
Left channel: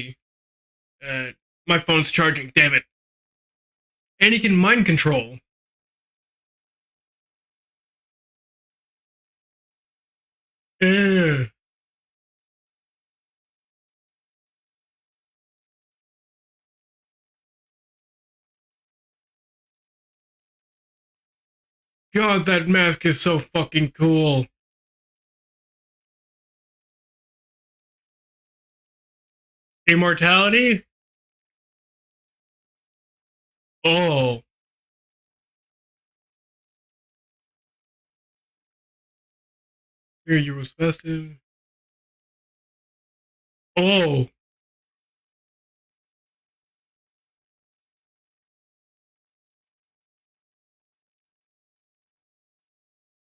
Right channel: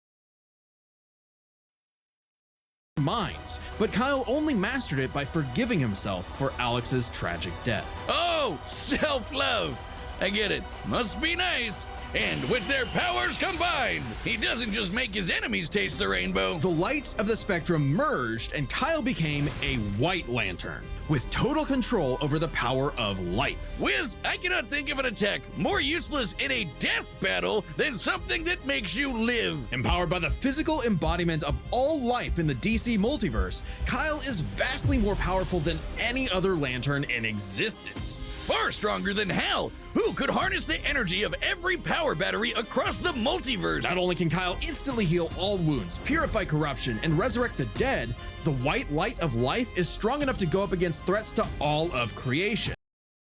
My phone's charging. Damn it. minds. But Kyle And he only can mind mastered it control. by forgiving himself for Alex's tragic death. Oh, self-love. I get it. Must be Yeah. nice. And with their powers combined, he doesn't just make his enemies taste the rainbow. The lights of the spectrum merged, and Kyle became a White Lantern with total control over God, the that power mask of is so light. fucking Wiz, I cool. cannot think of an attack more useless in a death battle than something that makes you live. Empowered by the Immortality? physical embodiment of all life in the DC multiverse, Kyle Oh. is vastly more powerful than any other Lantern in existence. far stronger than Hal, who could harness the energy of every power battery across the multiverse. Not only can Kyle instantly heal all wounds, purify corruption, and resurrect the dead, the white light of life is strong enough to go up against threats to all of creation.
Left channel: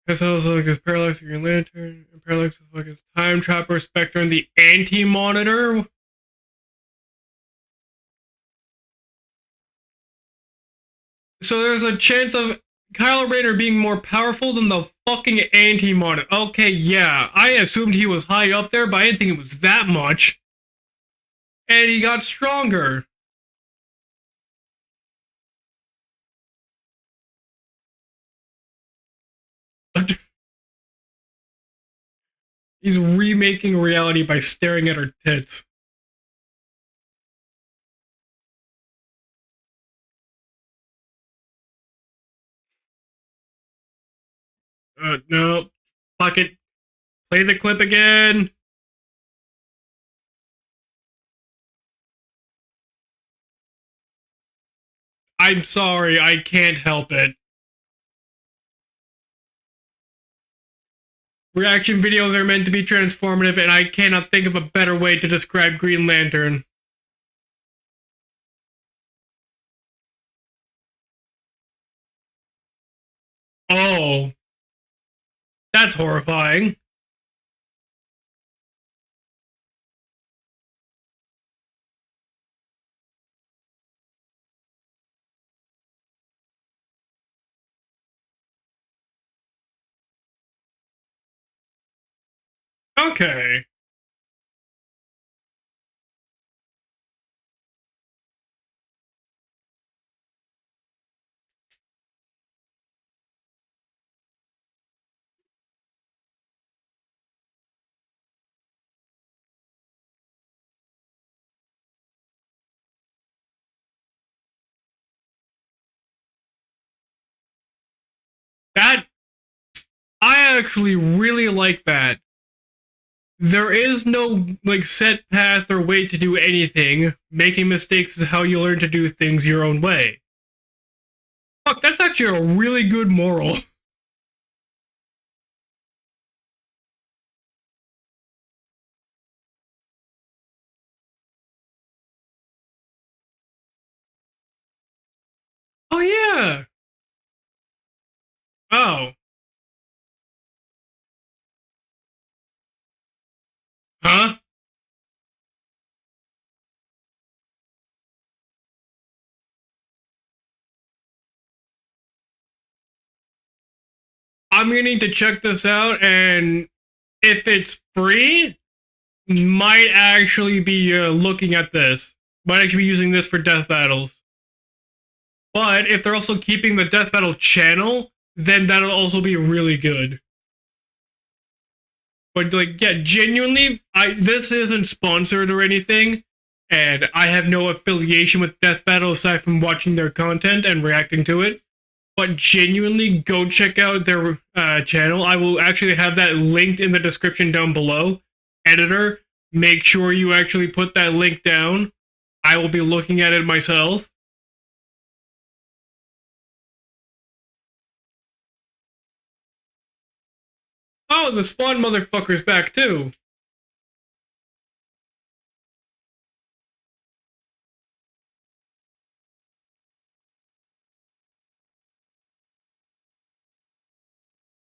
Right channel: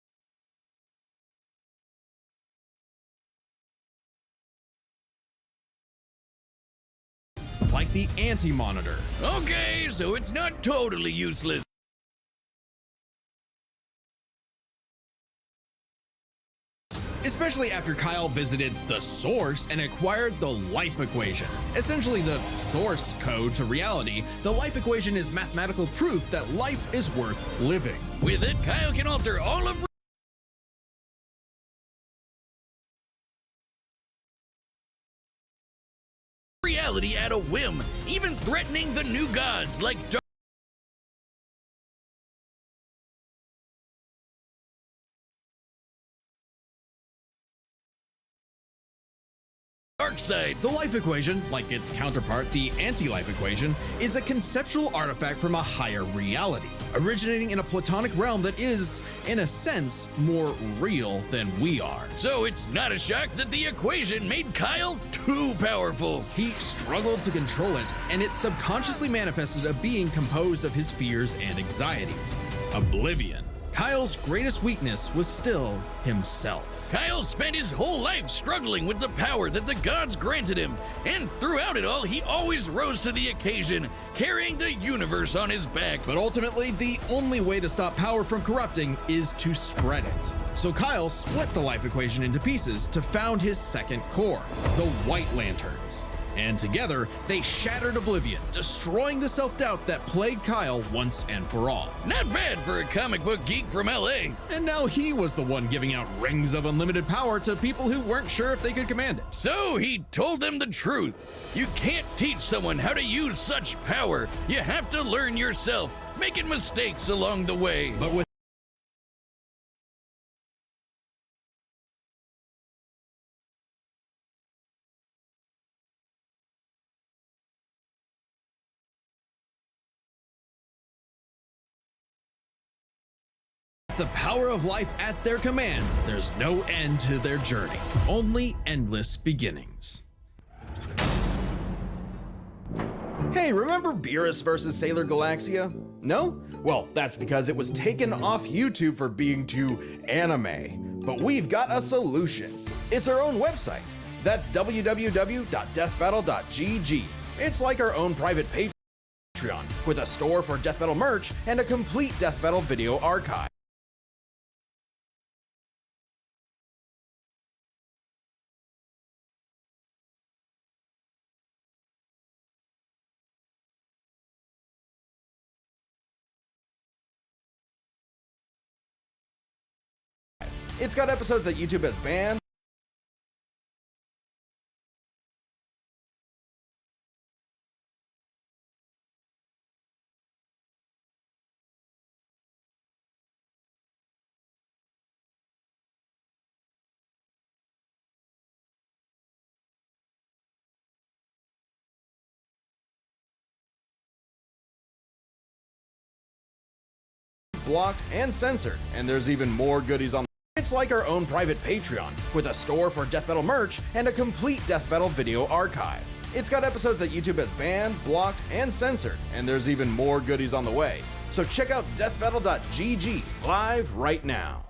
That's also like his Parallax, Green Lantern, and Parallax is like his Time Trapper, Spectre, and the Anti-Monitor. Like the Anti-Monitor. Okay, so it's not totally useless. So there's a chance of Kylo Rayner being more powerful than the fucking Anti-Monitor. Okay, yeah, I Especially assumed after he was Kyle high up visited there, but I the didn't think it was Source that and much. acquired the life equation. And he got Essentially, stronger. The Source code to reality, the life equation is mathematical proof that life is worth living. With it, Kyle can alter all of He's remaking reality by staring at her tits. reality at a whim, even threatening the new gods like No. Fuck it. Play the clip again. Darkseid. The life equation, like its counterpart, the anti-life equation, is a conceptual artifact from I'm a higher sorry, I reality, can't help it. originating in a platonic realm that is, in a sense, more real than Reaction we are. videos So are meant it's to be not a shock that transformative, the and I equation cannot think of a made better Kyle way to too describe Green powerful. Lantern. He struggled to control it, and it subconsciously manifested a being composed of his fears and anxieties. Oblivion. Oh. Kyle's greatest weakness was still That's horrifying. himself. Kyle spent his whole life struggling with the power that the gods granted him, and throughout it all, he always rose to the occasion, carrying the universe on his back. But ultimately, the only way to stop power from corrupting is to spread it. So Kyle split the life equation into pieces to found Okay. his second core, the White Lanterns. And together, they shattered Oblivion, destroying the self-doubt that plagued Kyle once and for all. Not bad for a comic book geek from LA. And now he was the one giving out rings of unlimited power to people who weren't sure if they could command it. So he told them the truth. You can't teach someone how to use such power. You have to learn yourself, making mistakes along the way. But with That, I actually really like that. There is no, like, set path or way to do anything. Making mistakes is how you learn to do things your own way. Fuck, that's actually a really good moral. the power of life at their command, there's no end to their journey, only endless beginnings. Hey, remember Beerus versus Sailor Galaxia? Oh, No? yeah. Well, that's because it was taken off YouTube Oh. for being too anime. But we've got a solution. It's our own website. Huh? That's www.deathbattle.gg. It's like our own private Patreon, with a store for Death Battle merch and a complete Death Battle video archive. I'm gonna need to check this out, and if it's free, might actually be looking at this. Might actually be using this for Death Battles. But if they're also keeping the Death Battle channel, then that'll also be really good. It's got episodes that YouTube has banned. But like, yeah, genuinely, this isn't sponsored or anything, and I have no affiliation with Death Battle aside from watching their content and reacting to it. But genuinely, go check out their channel. I will actually have that linked in the description down below. Editor, make sure you actually put that link down. I will be looking at it myself. Blocked and censored, and there's even more goodies on. It's like our own Oh, the private Spawn Patreon, motherfucker's with a back, store too. for Death Battle merch and a complete Death Battle video archive. It's got episodes that YouTube has banned, blocked, and censored, and there's even more goodies on the way. So check out deathbattle.gg live right now.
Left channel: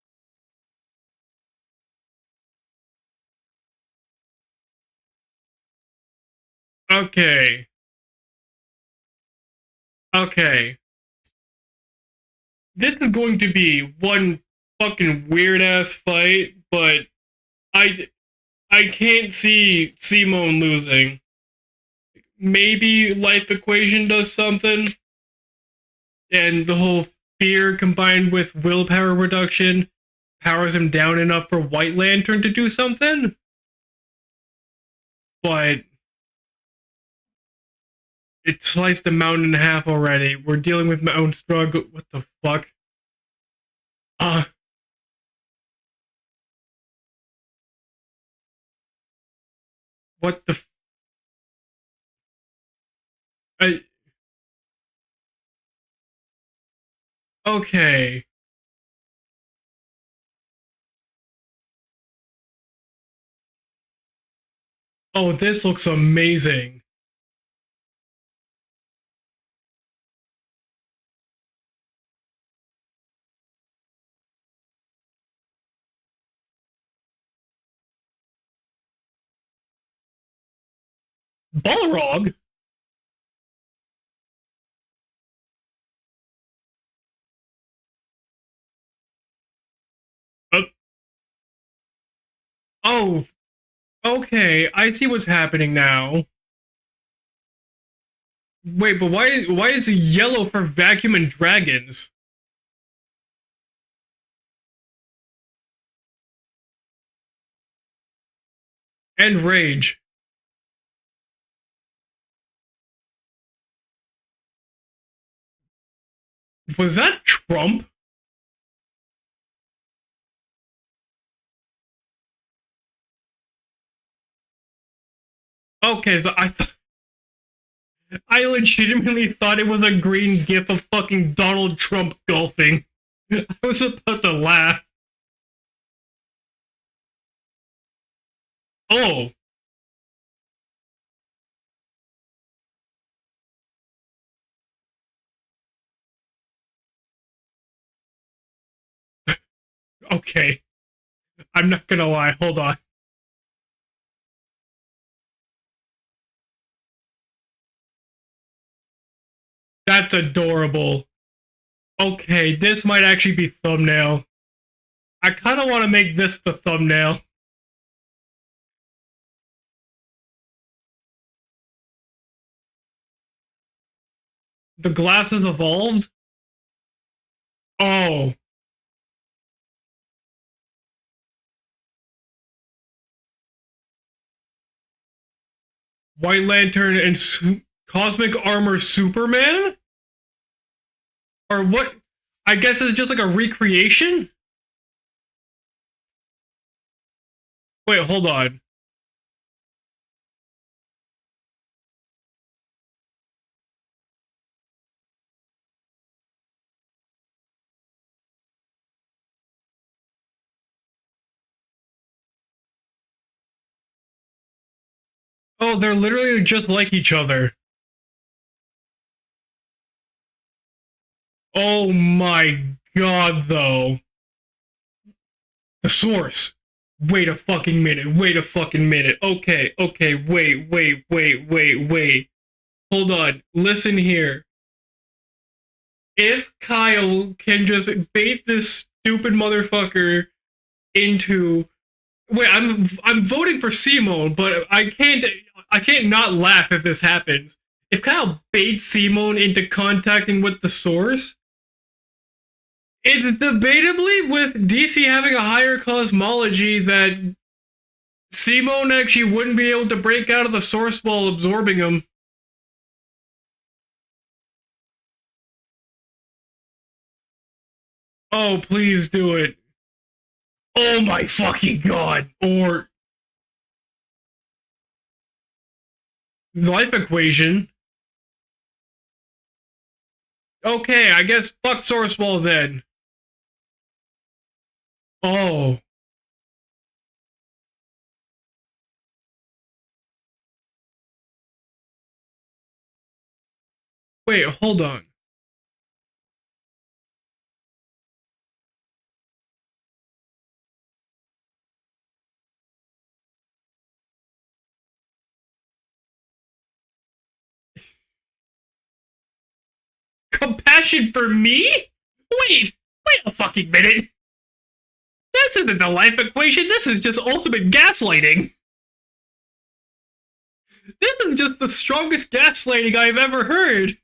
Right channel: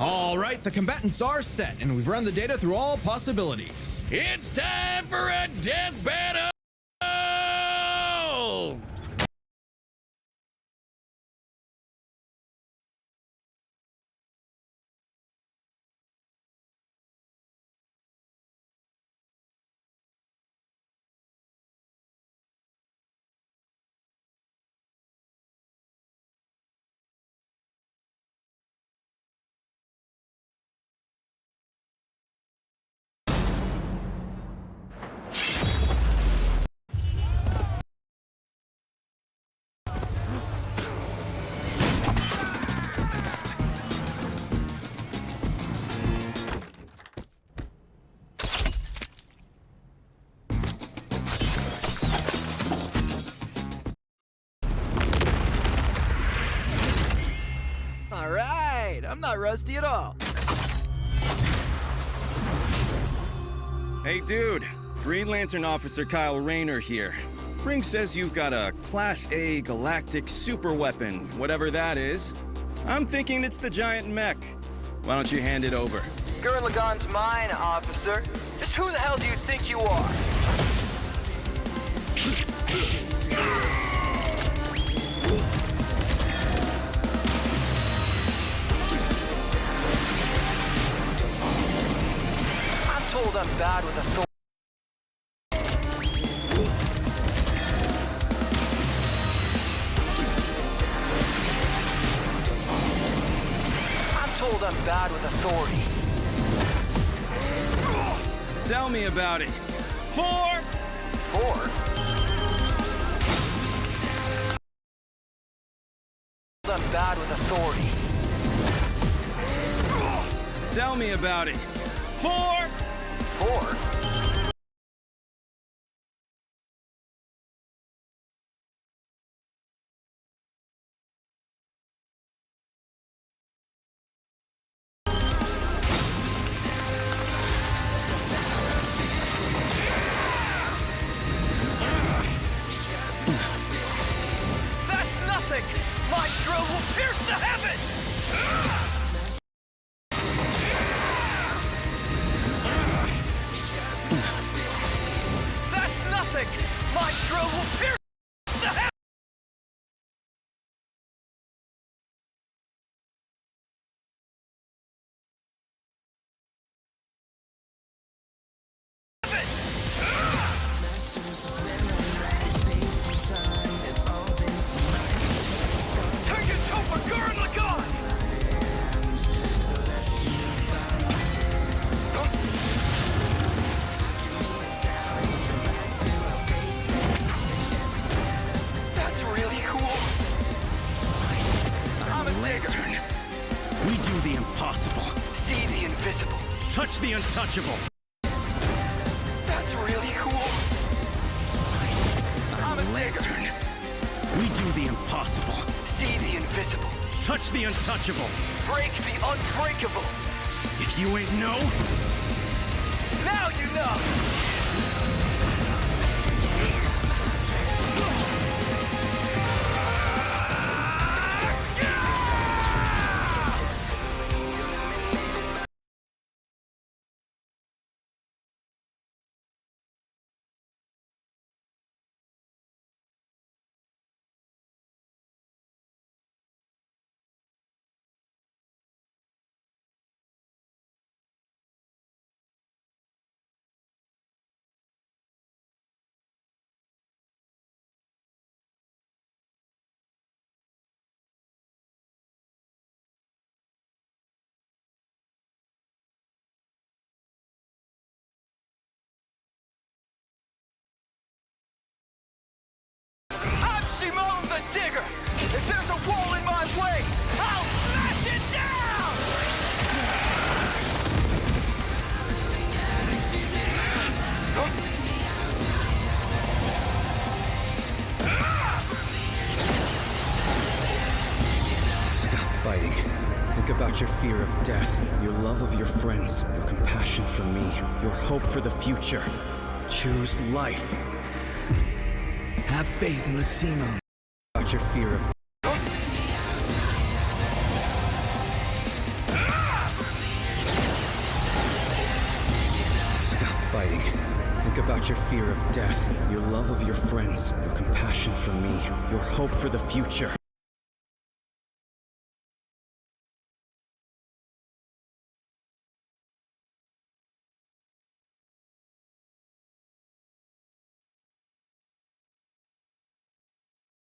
All right, the combatants are set, and we've run the data through all possibilities. It's time for a death battle! Okay. Okay. This is going to be one fucking weird ass fight, but I can't see Simone losing. Maybe life equation does something, and the whole fear combined with willpower reduction powers him down enough for White Lantern to do something. But it sliced a mountain in half already. We're dealing with my own struggle. Oh, fuck. What the? Okay. All right, I'm not rusty at all. Hey, dude. Oh, this looks amazing. Here. Ring says you've got a Class A galactic super weapon, whatever that is. I'm thinking it's the giant mech. Why don't you hand it over? Gurren Laggann's mine, officer. Just who the hell do you think you are? Balrog? Oh, okay, I see what's happening now. Wait, but why is it yellow for vacuum and dragons? I'm told I'm bad with authority. Tell me about And it. rage. Four. Was that Trump? Tell me about it. Four. Okay, so I legitimately thought it was a green gif of fucking Donald Trump golfing. I was about to laugh. Oh. That's nothing. My drill will pierce the heavens. Okay. I'm not gonna lie, hold on. That's nothing. My drill will pierce the heavens. That's adorable. Okay, this might actually be thumbnail. I kind of want to make this the thumbnail. The glasses evolved? Oh. White Lantern and Cosmic Armor Superman? Or what? I guess it's just like a recreation? The impossible. See the invisible. Touch the untouchable. Wait, hold on. That's really cool. I'm a Lantern. We do the impossible. See the invisible. Touch the untouchable. Break the unbreakable. If you ain't know, Now you know. Oh, they're literally just like each other. Oh my god, though. The source. Wait a fucking minute. Wait a fucking minute. Okay, wait. Hold on. Listen here. If Kyle can just bait this stupid motherfucker into... Wait, I'm voting for Simone, but I can't not laugh if this happens. If Kyle baits Simone into contacting with the source, it's debatably with DC having a higher cosmology that Simone actually wouldn't be able to break out of the source while absorbing him. I'm Simone the Digger. If there's a wall in my way, I'll smash it. Oh, please do it. Oh my fucking god. Or... Life equation. Okay, I guess fuck Source Wall then. fighting. Think about your fear of death. Your Oh. love of your friends. Your compassion for me. Your hope for the future. Choose life. Have faith in the Simone. Wait, About hold your on. fear of Stop fighting. Think about your fear of death, your love of your friends, your compassion for me, your hope for the future. Compassion for me? Wait a fucking minute. This isn't the life equation, this is just ultimate gaslighting. This is just the strongest gaslighting I've ever heard.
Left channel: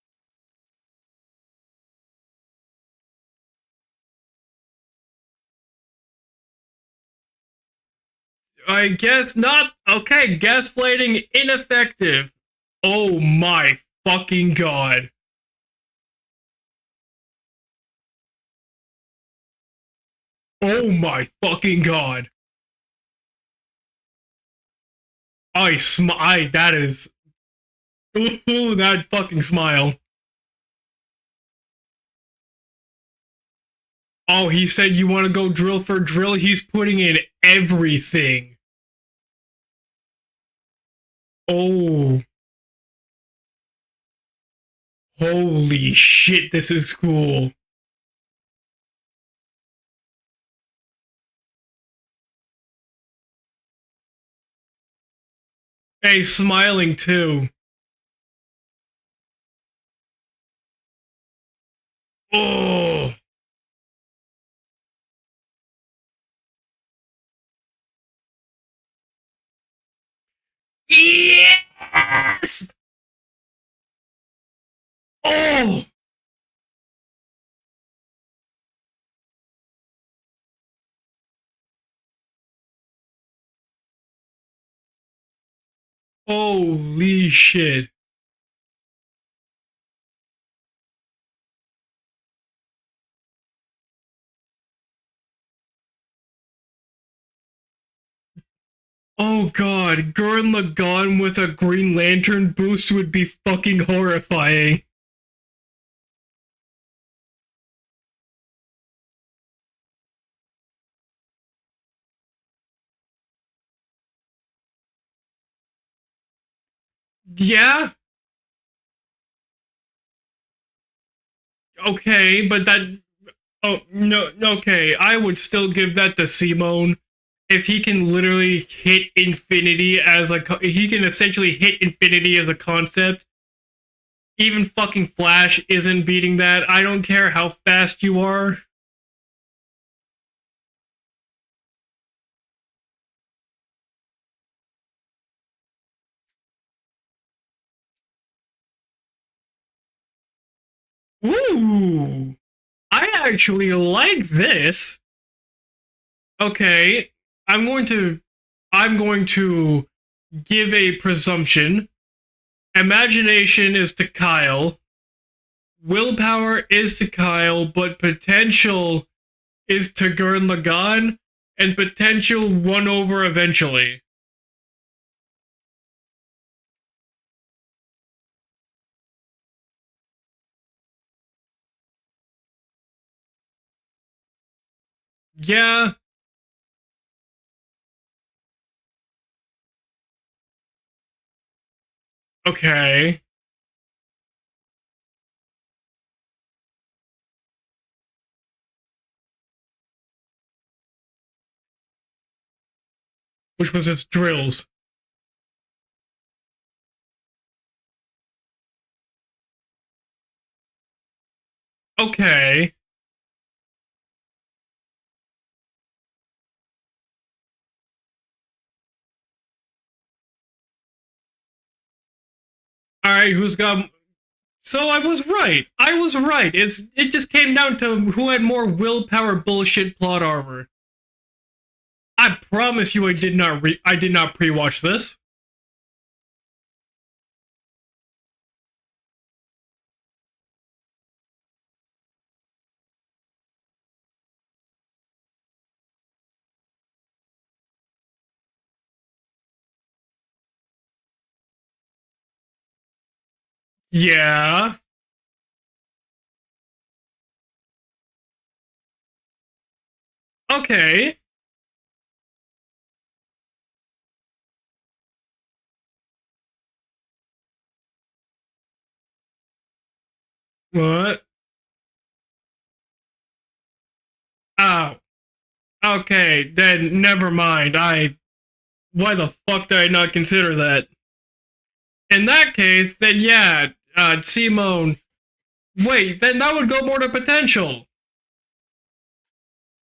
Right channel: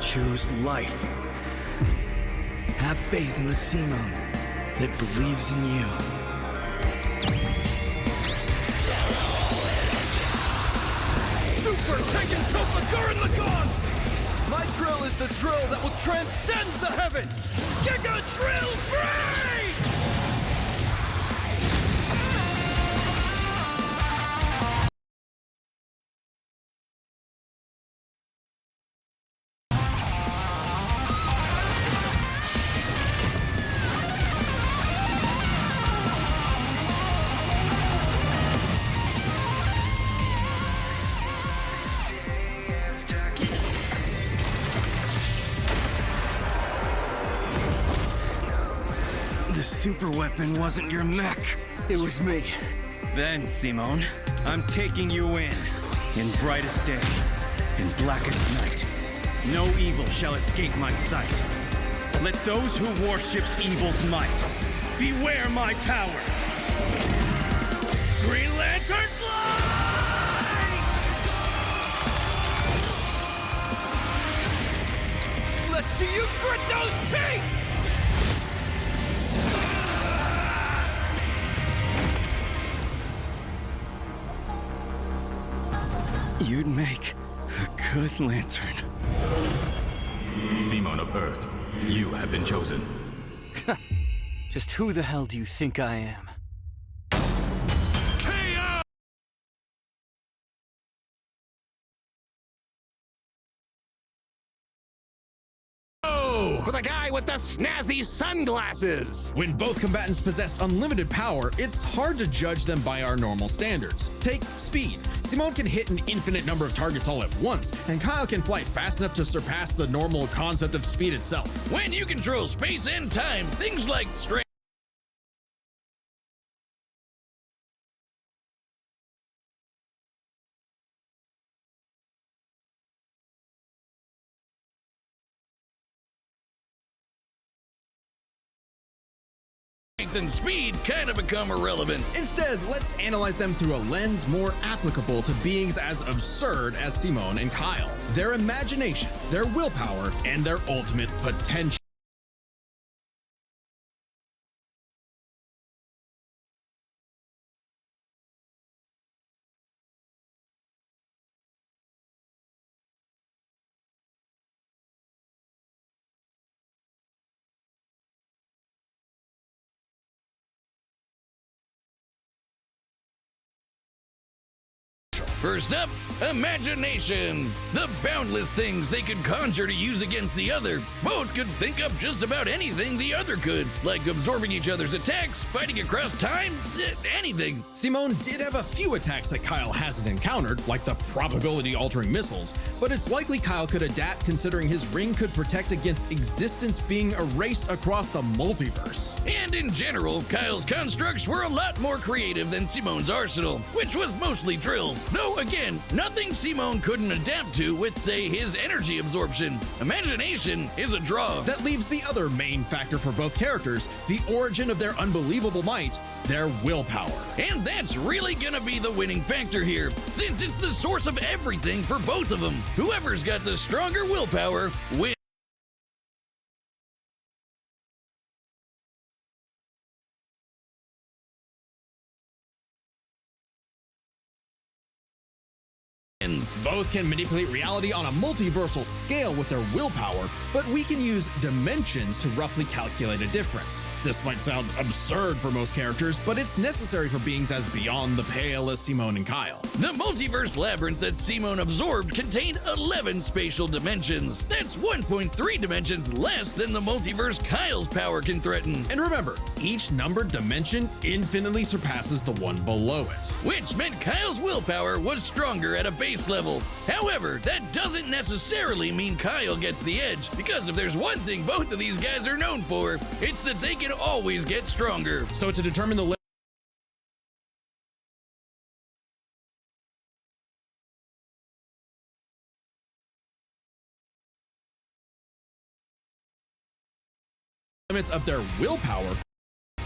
Choose life. Have faith in the Simone that believes in you. I guess not. Okay, gaslighting ineffective. Oh my fucking god. Drill is the drill that will transcend the heavens. Giga drill free! Oh my fucking god. That is... Ooh, that fucking smile. Oh, he said you want to go drill for drill. He's putting in everything. Oh. Holy shit, this is cool. The super weapon wasn't your mech. It was me. Then, Simone, I'm taking you in. Hey, In smiling brightest too. day, in blackest night, no evil shall escape my sight. Let those who worship evil's might beware my power. Green Lantern fly! Yes! Oh! Let's see you grit those teeth! Holy shit. Good lantern. Simon of Earth, you have been chosen. Just who the hell do you think I am? Oh god, Gurren Laggann with a Green Lantern boost would be fucking horrifying. For the guy with the snazzy sunglasses. When both combatants possess unlimited power, it's hard to judge them by our normal standards. Take speed. Simone can hit an infinite number of targets all at once, Yeah? and Kyle can fly fast enough to surpass the normal concept of speed itself. When you Okay, control but space that- and time, Oh, things like no, strength- okay, I would still give that to Simone. If he can literally hit infinity as a, he can essentially hit infinity as a concept. Even fucking Flash isn't beating that. I don't care how fast you are. strength and speed kind of become irrelevant. Instead, let's analyze them through a lens more applicable to beings as absurd as Simone and Kyle. Their imagination, their willpower, and their ultimate potential. Ooh, I actually like this. Okay, I'm going to give a presumption. Imagination is to Kyle. Willpower is to Kyle, but potential is to Gurren Laggann, and potential won over eventually. First up, imagination. The boundless things they could conjure to use against the other. Both could think up just about anything the other could, like absorbing each other's attacks, Yeah. fighting across time, anything. Simone did have a few attacks that Kyle hasn't encountered, like the probability-altering missiles. Okay. But it's likely Kyle could adapt considering his ring could protect against existence being erased across the multiverse. And in general, Kyle's constructs were a lot more creative than Simone's arsenal, Which was his drills. mostly drills. Though again, nothing Simone couldn't adapt to with, say, his energy absorption. Imagination is a draw. That leaves the other Okay. main factor for both characters, the origin of their unbelievable might, their willpower. And that's really gonna be the winning factor here, since it's the source of everything for both of them. Whoever's All right, got who's the got- stronger willpower. So I was right. I was right. It just came down to who had more willpower bullshit plot armor. I promise you I did not pre-watch this. wins. Both can manipulate reality on a multiversal scale with their willpower, but we can use dimensions to roughly calculate a difference. This might sound absurd for most characters, but it's necessary for beings as beyond the pale as Simone and Kyle. The multiverse labyrinth that Simone absorbed contained 11 spatial dimensions. Yeah. That's 1.3 dimensions less than the multiverse Kyle's power can threaten. And remember, each numbered dimension Okay. infinitely surpasses the one below it. Which meant Kyle's willpower was stronger at a base level. However, that doesn't necessarily mean Kyle gets the edge, because if there's What? one thing both of these guys are known for, it's that they can always get Ah. stronger. So to determine the Okay, then never mind. Why the fuck did I not consider that? In that case, then yeah, Simone. Wait, then that would go more to potential. limits of their willpower,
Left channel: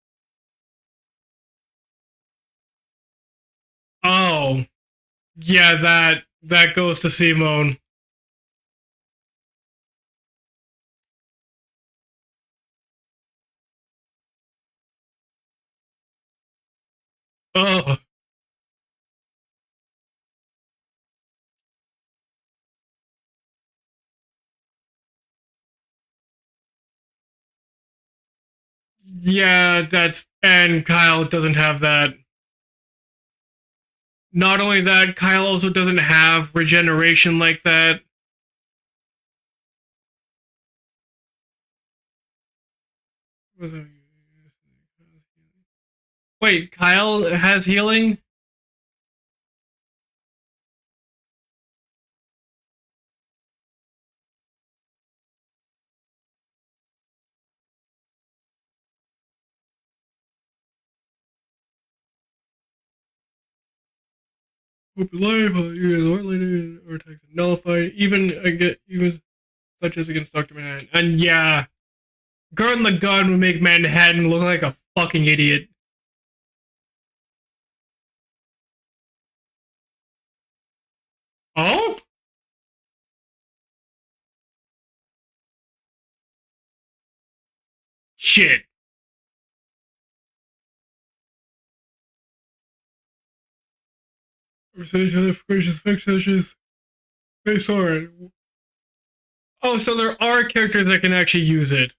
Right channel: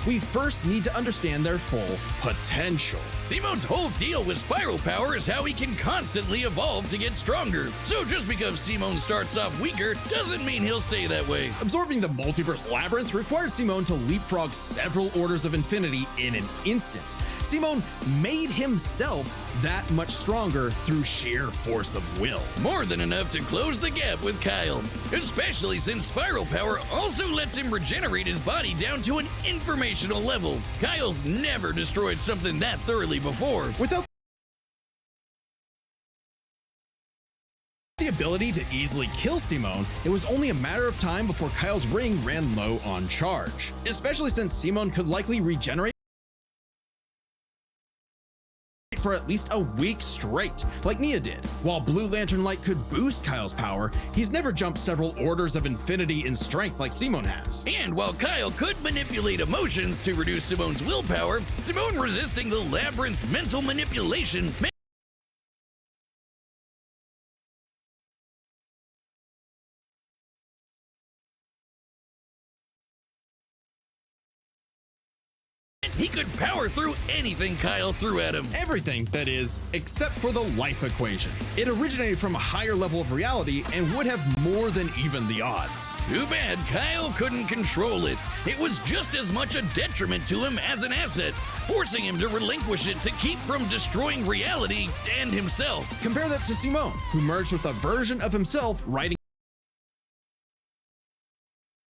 we first need to understand their full potential. Simone's whole deal Oh. with spiral power is how he Yeah, can that- constantly that evolve goes to to get stronger. Simone. So just because Simone starts off weaker doesn't mean he'll stay that way. Absorbing the multiverse labyrinth required Simone to leapfrog several orders of infinity in an instant. Simone Oh. made himself that much stronger through sheer force of will. More than enough to close the gap with Kyle, especially since spiral power also lets him regenerate his body down to an Yeah, informational that's- level. and Kyle Kyle's doesn't never have that. destroyed something that thoroughly before. Without Not only that, Kyle also doesn't have regeneration like that. The ability to easily kill Simone, it was only a matter of time before Kyle's ring ran low on charge. Especially since Simone could likely regenerate Wait, Kyle has healing? for at least a week straight, like Nia did. While Blue Lantern Light could boost Kyle's power, he's never jumped several orders of infinity in strength like Simone has. And while Kyle could manipulate emotions to reduce Simone's willpower, Simone resisting the labyrinth's mental manipulation Open life, or attacks nullified, even such as against Dr. Manhattan. And yeah, Gurren Laggann would make Manhattan look like a fucking idiot. he could power through anything Kyle threw at him. Everything, that is, except for the life equation. It Oh? originated from a higher level of reality and would have more than even the odds. Too bad Kyle couldn't control it. Shit. It was just as much a detriment to him as an asset, forcing him to relinquish it to keep from destroying reality and himself. Compare that to Simone, who merged with a sorry. version of himself writing Oh, so there are characters that can actually use it.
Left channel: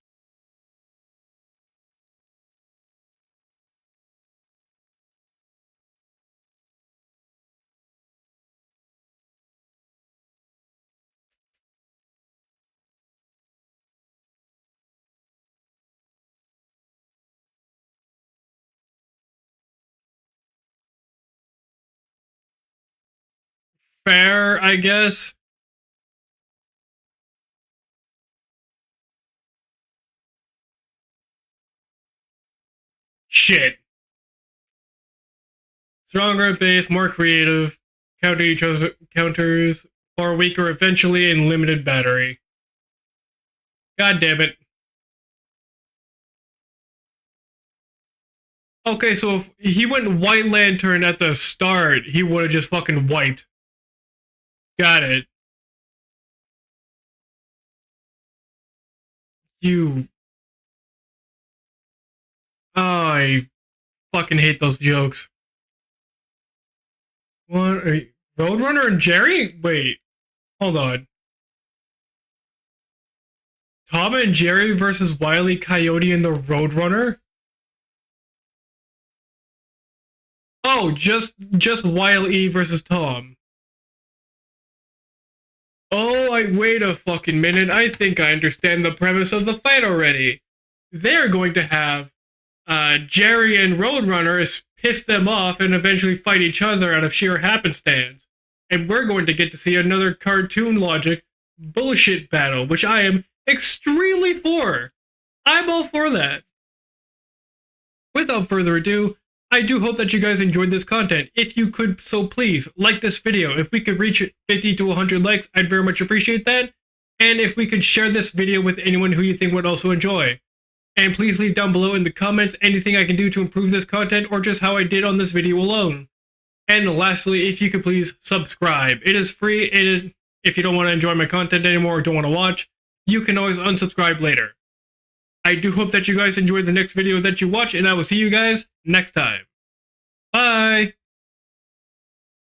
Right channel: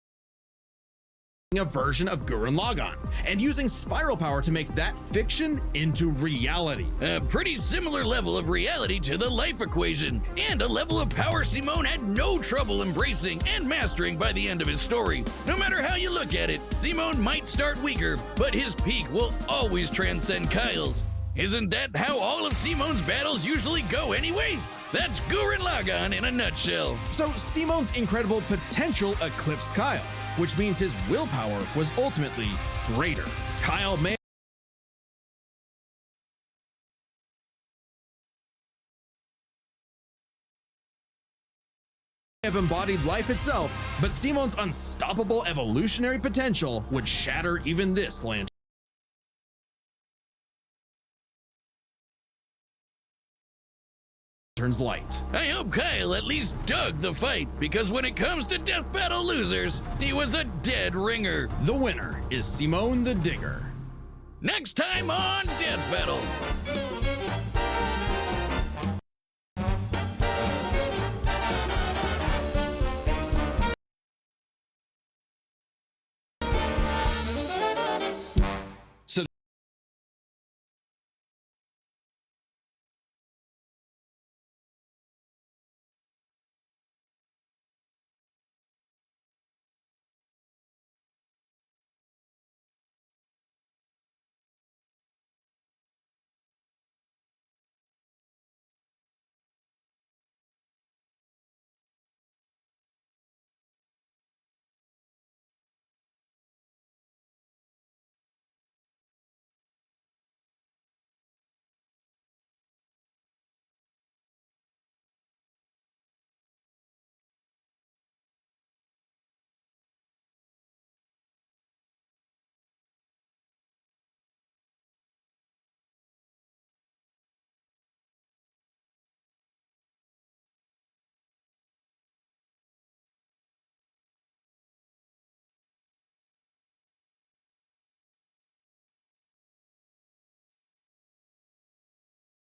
a version of Gurren Laggann, and using spiral power to make that fiction into reality. A pretty similar level of reality to the life equation, and a level of power Simone had no trouble embracing and mastering by the end of his story. No matter how you look at it, Simone might start weaker, but his peak will always transcend Kyle's. Isn't that how all of Simone's battles usually go? Fair, anyway? I guess. That's Gurren Laggann in a nutshell. So Simone's incredible potential eclipsed Kyle, which means his willpower was ultimately greater. Shit. Kyle may Stronger at base, more creative, counter each other's counters, or weaker eventually, and limited battery. have embodied life itself. God but damn it. Simone's unstoppable evolutionary potential would shatter even this lantern. Okay, so if he went White Lantern at the start, he would have just fucking wiped. Got it. I hope Kyle at least dug the fight, because when it comes to death battle losers, You- he was a dead ringer. The winner is Simone Oh, the I Digger. fucking hate Next those time jokes. on Death Battle. What? Roadrunner and Jerry? Wait, hold on. Tom and Jerry versus Wile E. Coyote and the Roadrunner? So- Oh, just Wile E versus Tom. Oh, wait a fucking minute. I think I understand the premise of the fight already. They're going to have Jerry and Roadrunner piss them off and eventually fight each other out of sheer happenstance. And we're going to get to see another cartoon logic bullshit battle, which I am extremely for. I'm all for that. Without further ado, I do hope that you guys enjoyed this content. If you could, so please, like this video. If we could reach 50 to 100 likes, I'd very much appreciate that. And if we could share this video with anyone who you think would also enjoy. And please leave down below in the comments anything I can do to improve this content or just how I did on this video alone. And lastly, if you could please subscribe. It is free. If you don't want to enjoy my content anymore or don't want to watch, you can always unsubscribe later. I do hope that you guys enjoy the next video that you watch, and I will see you guys next time. Bye!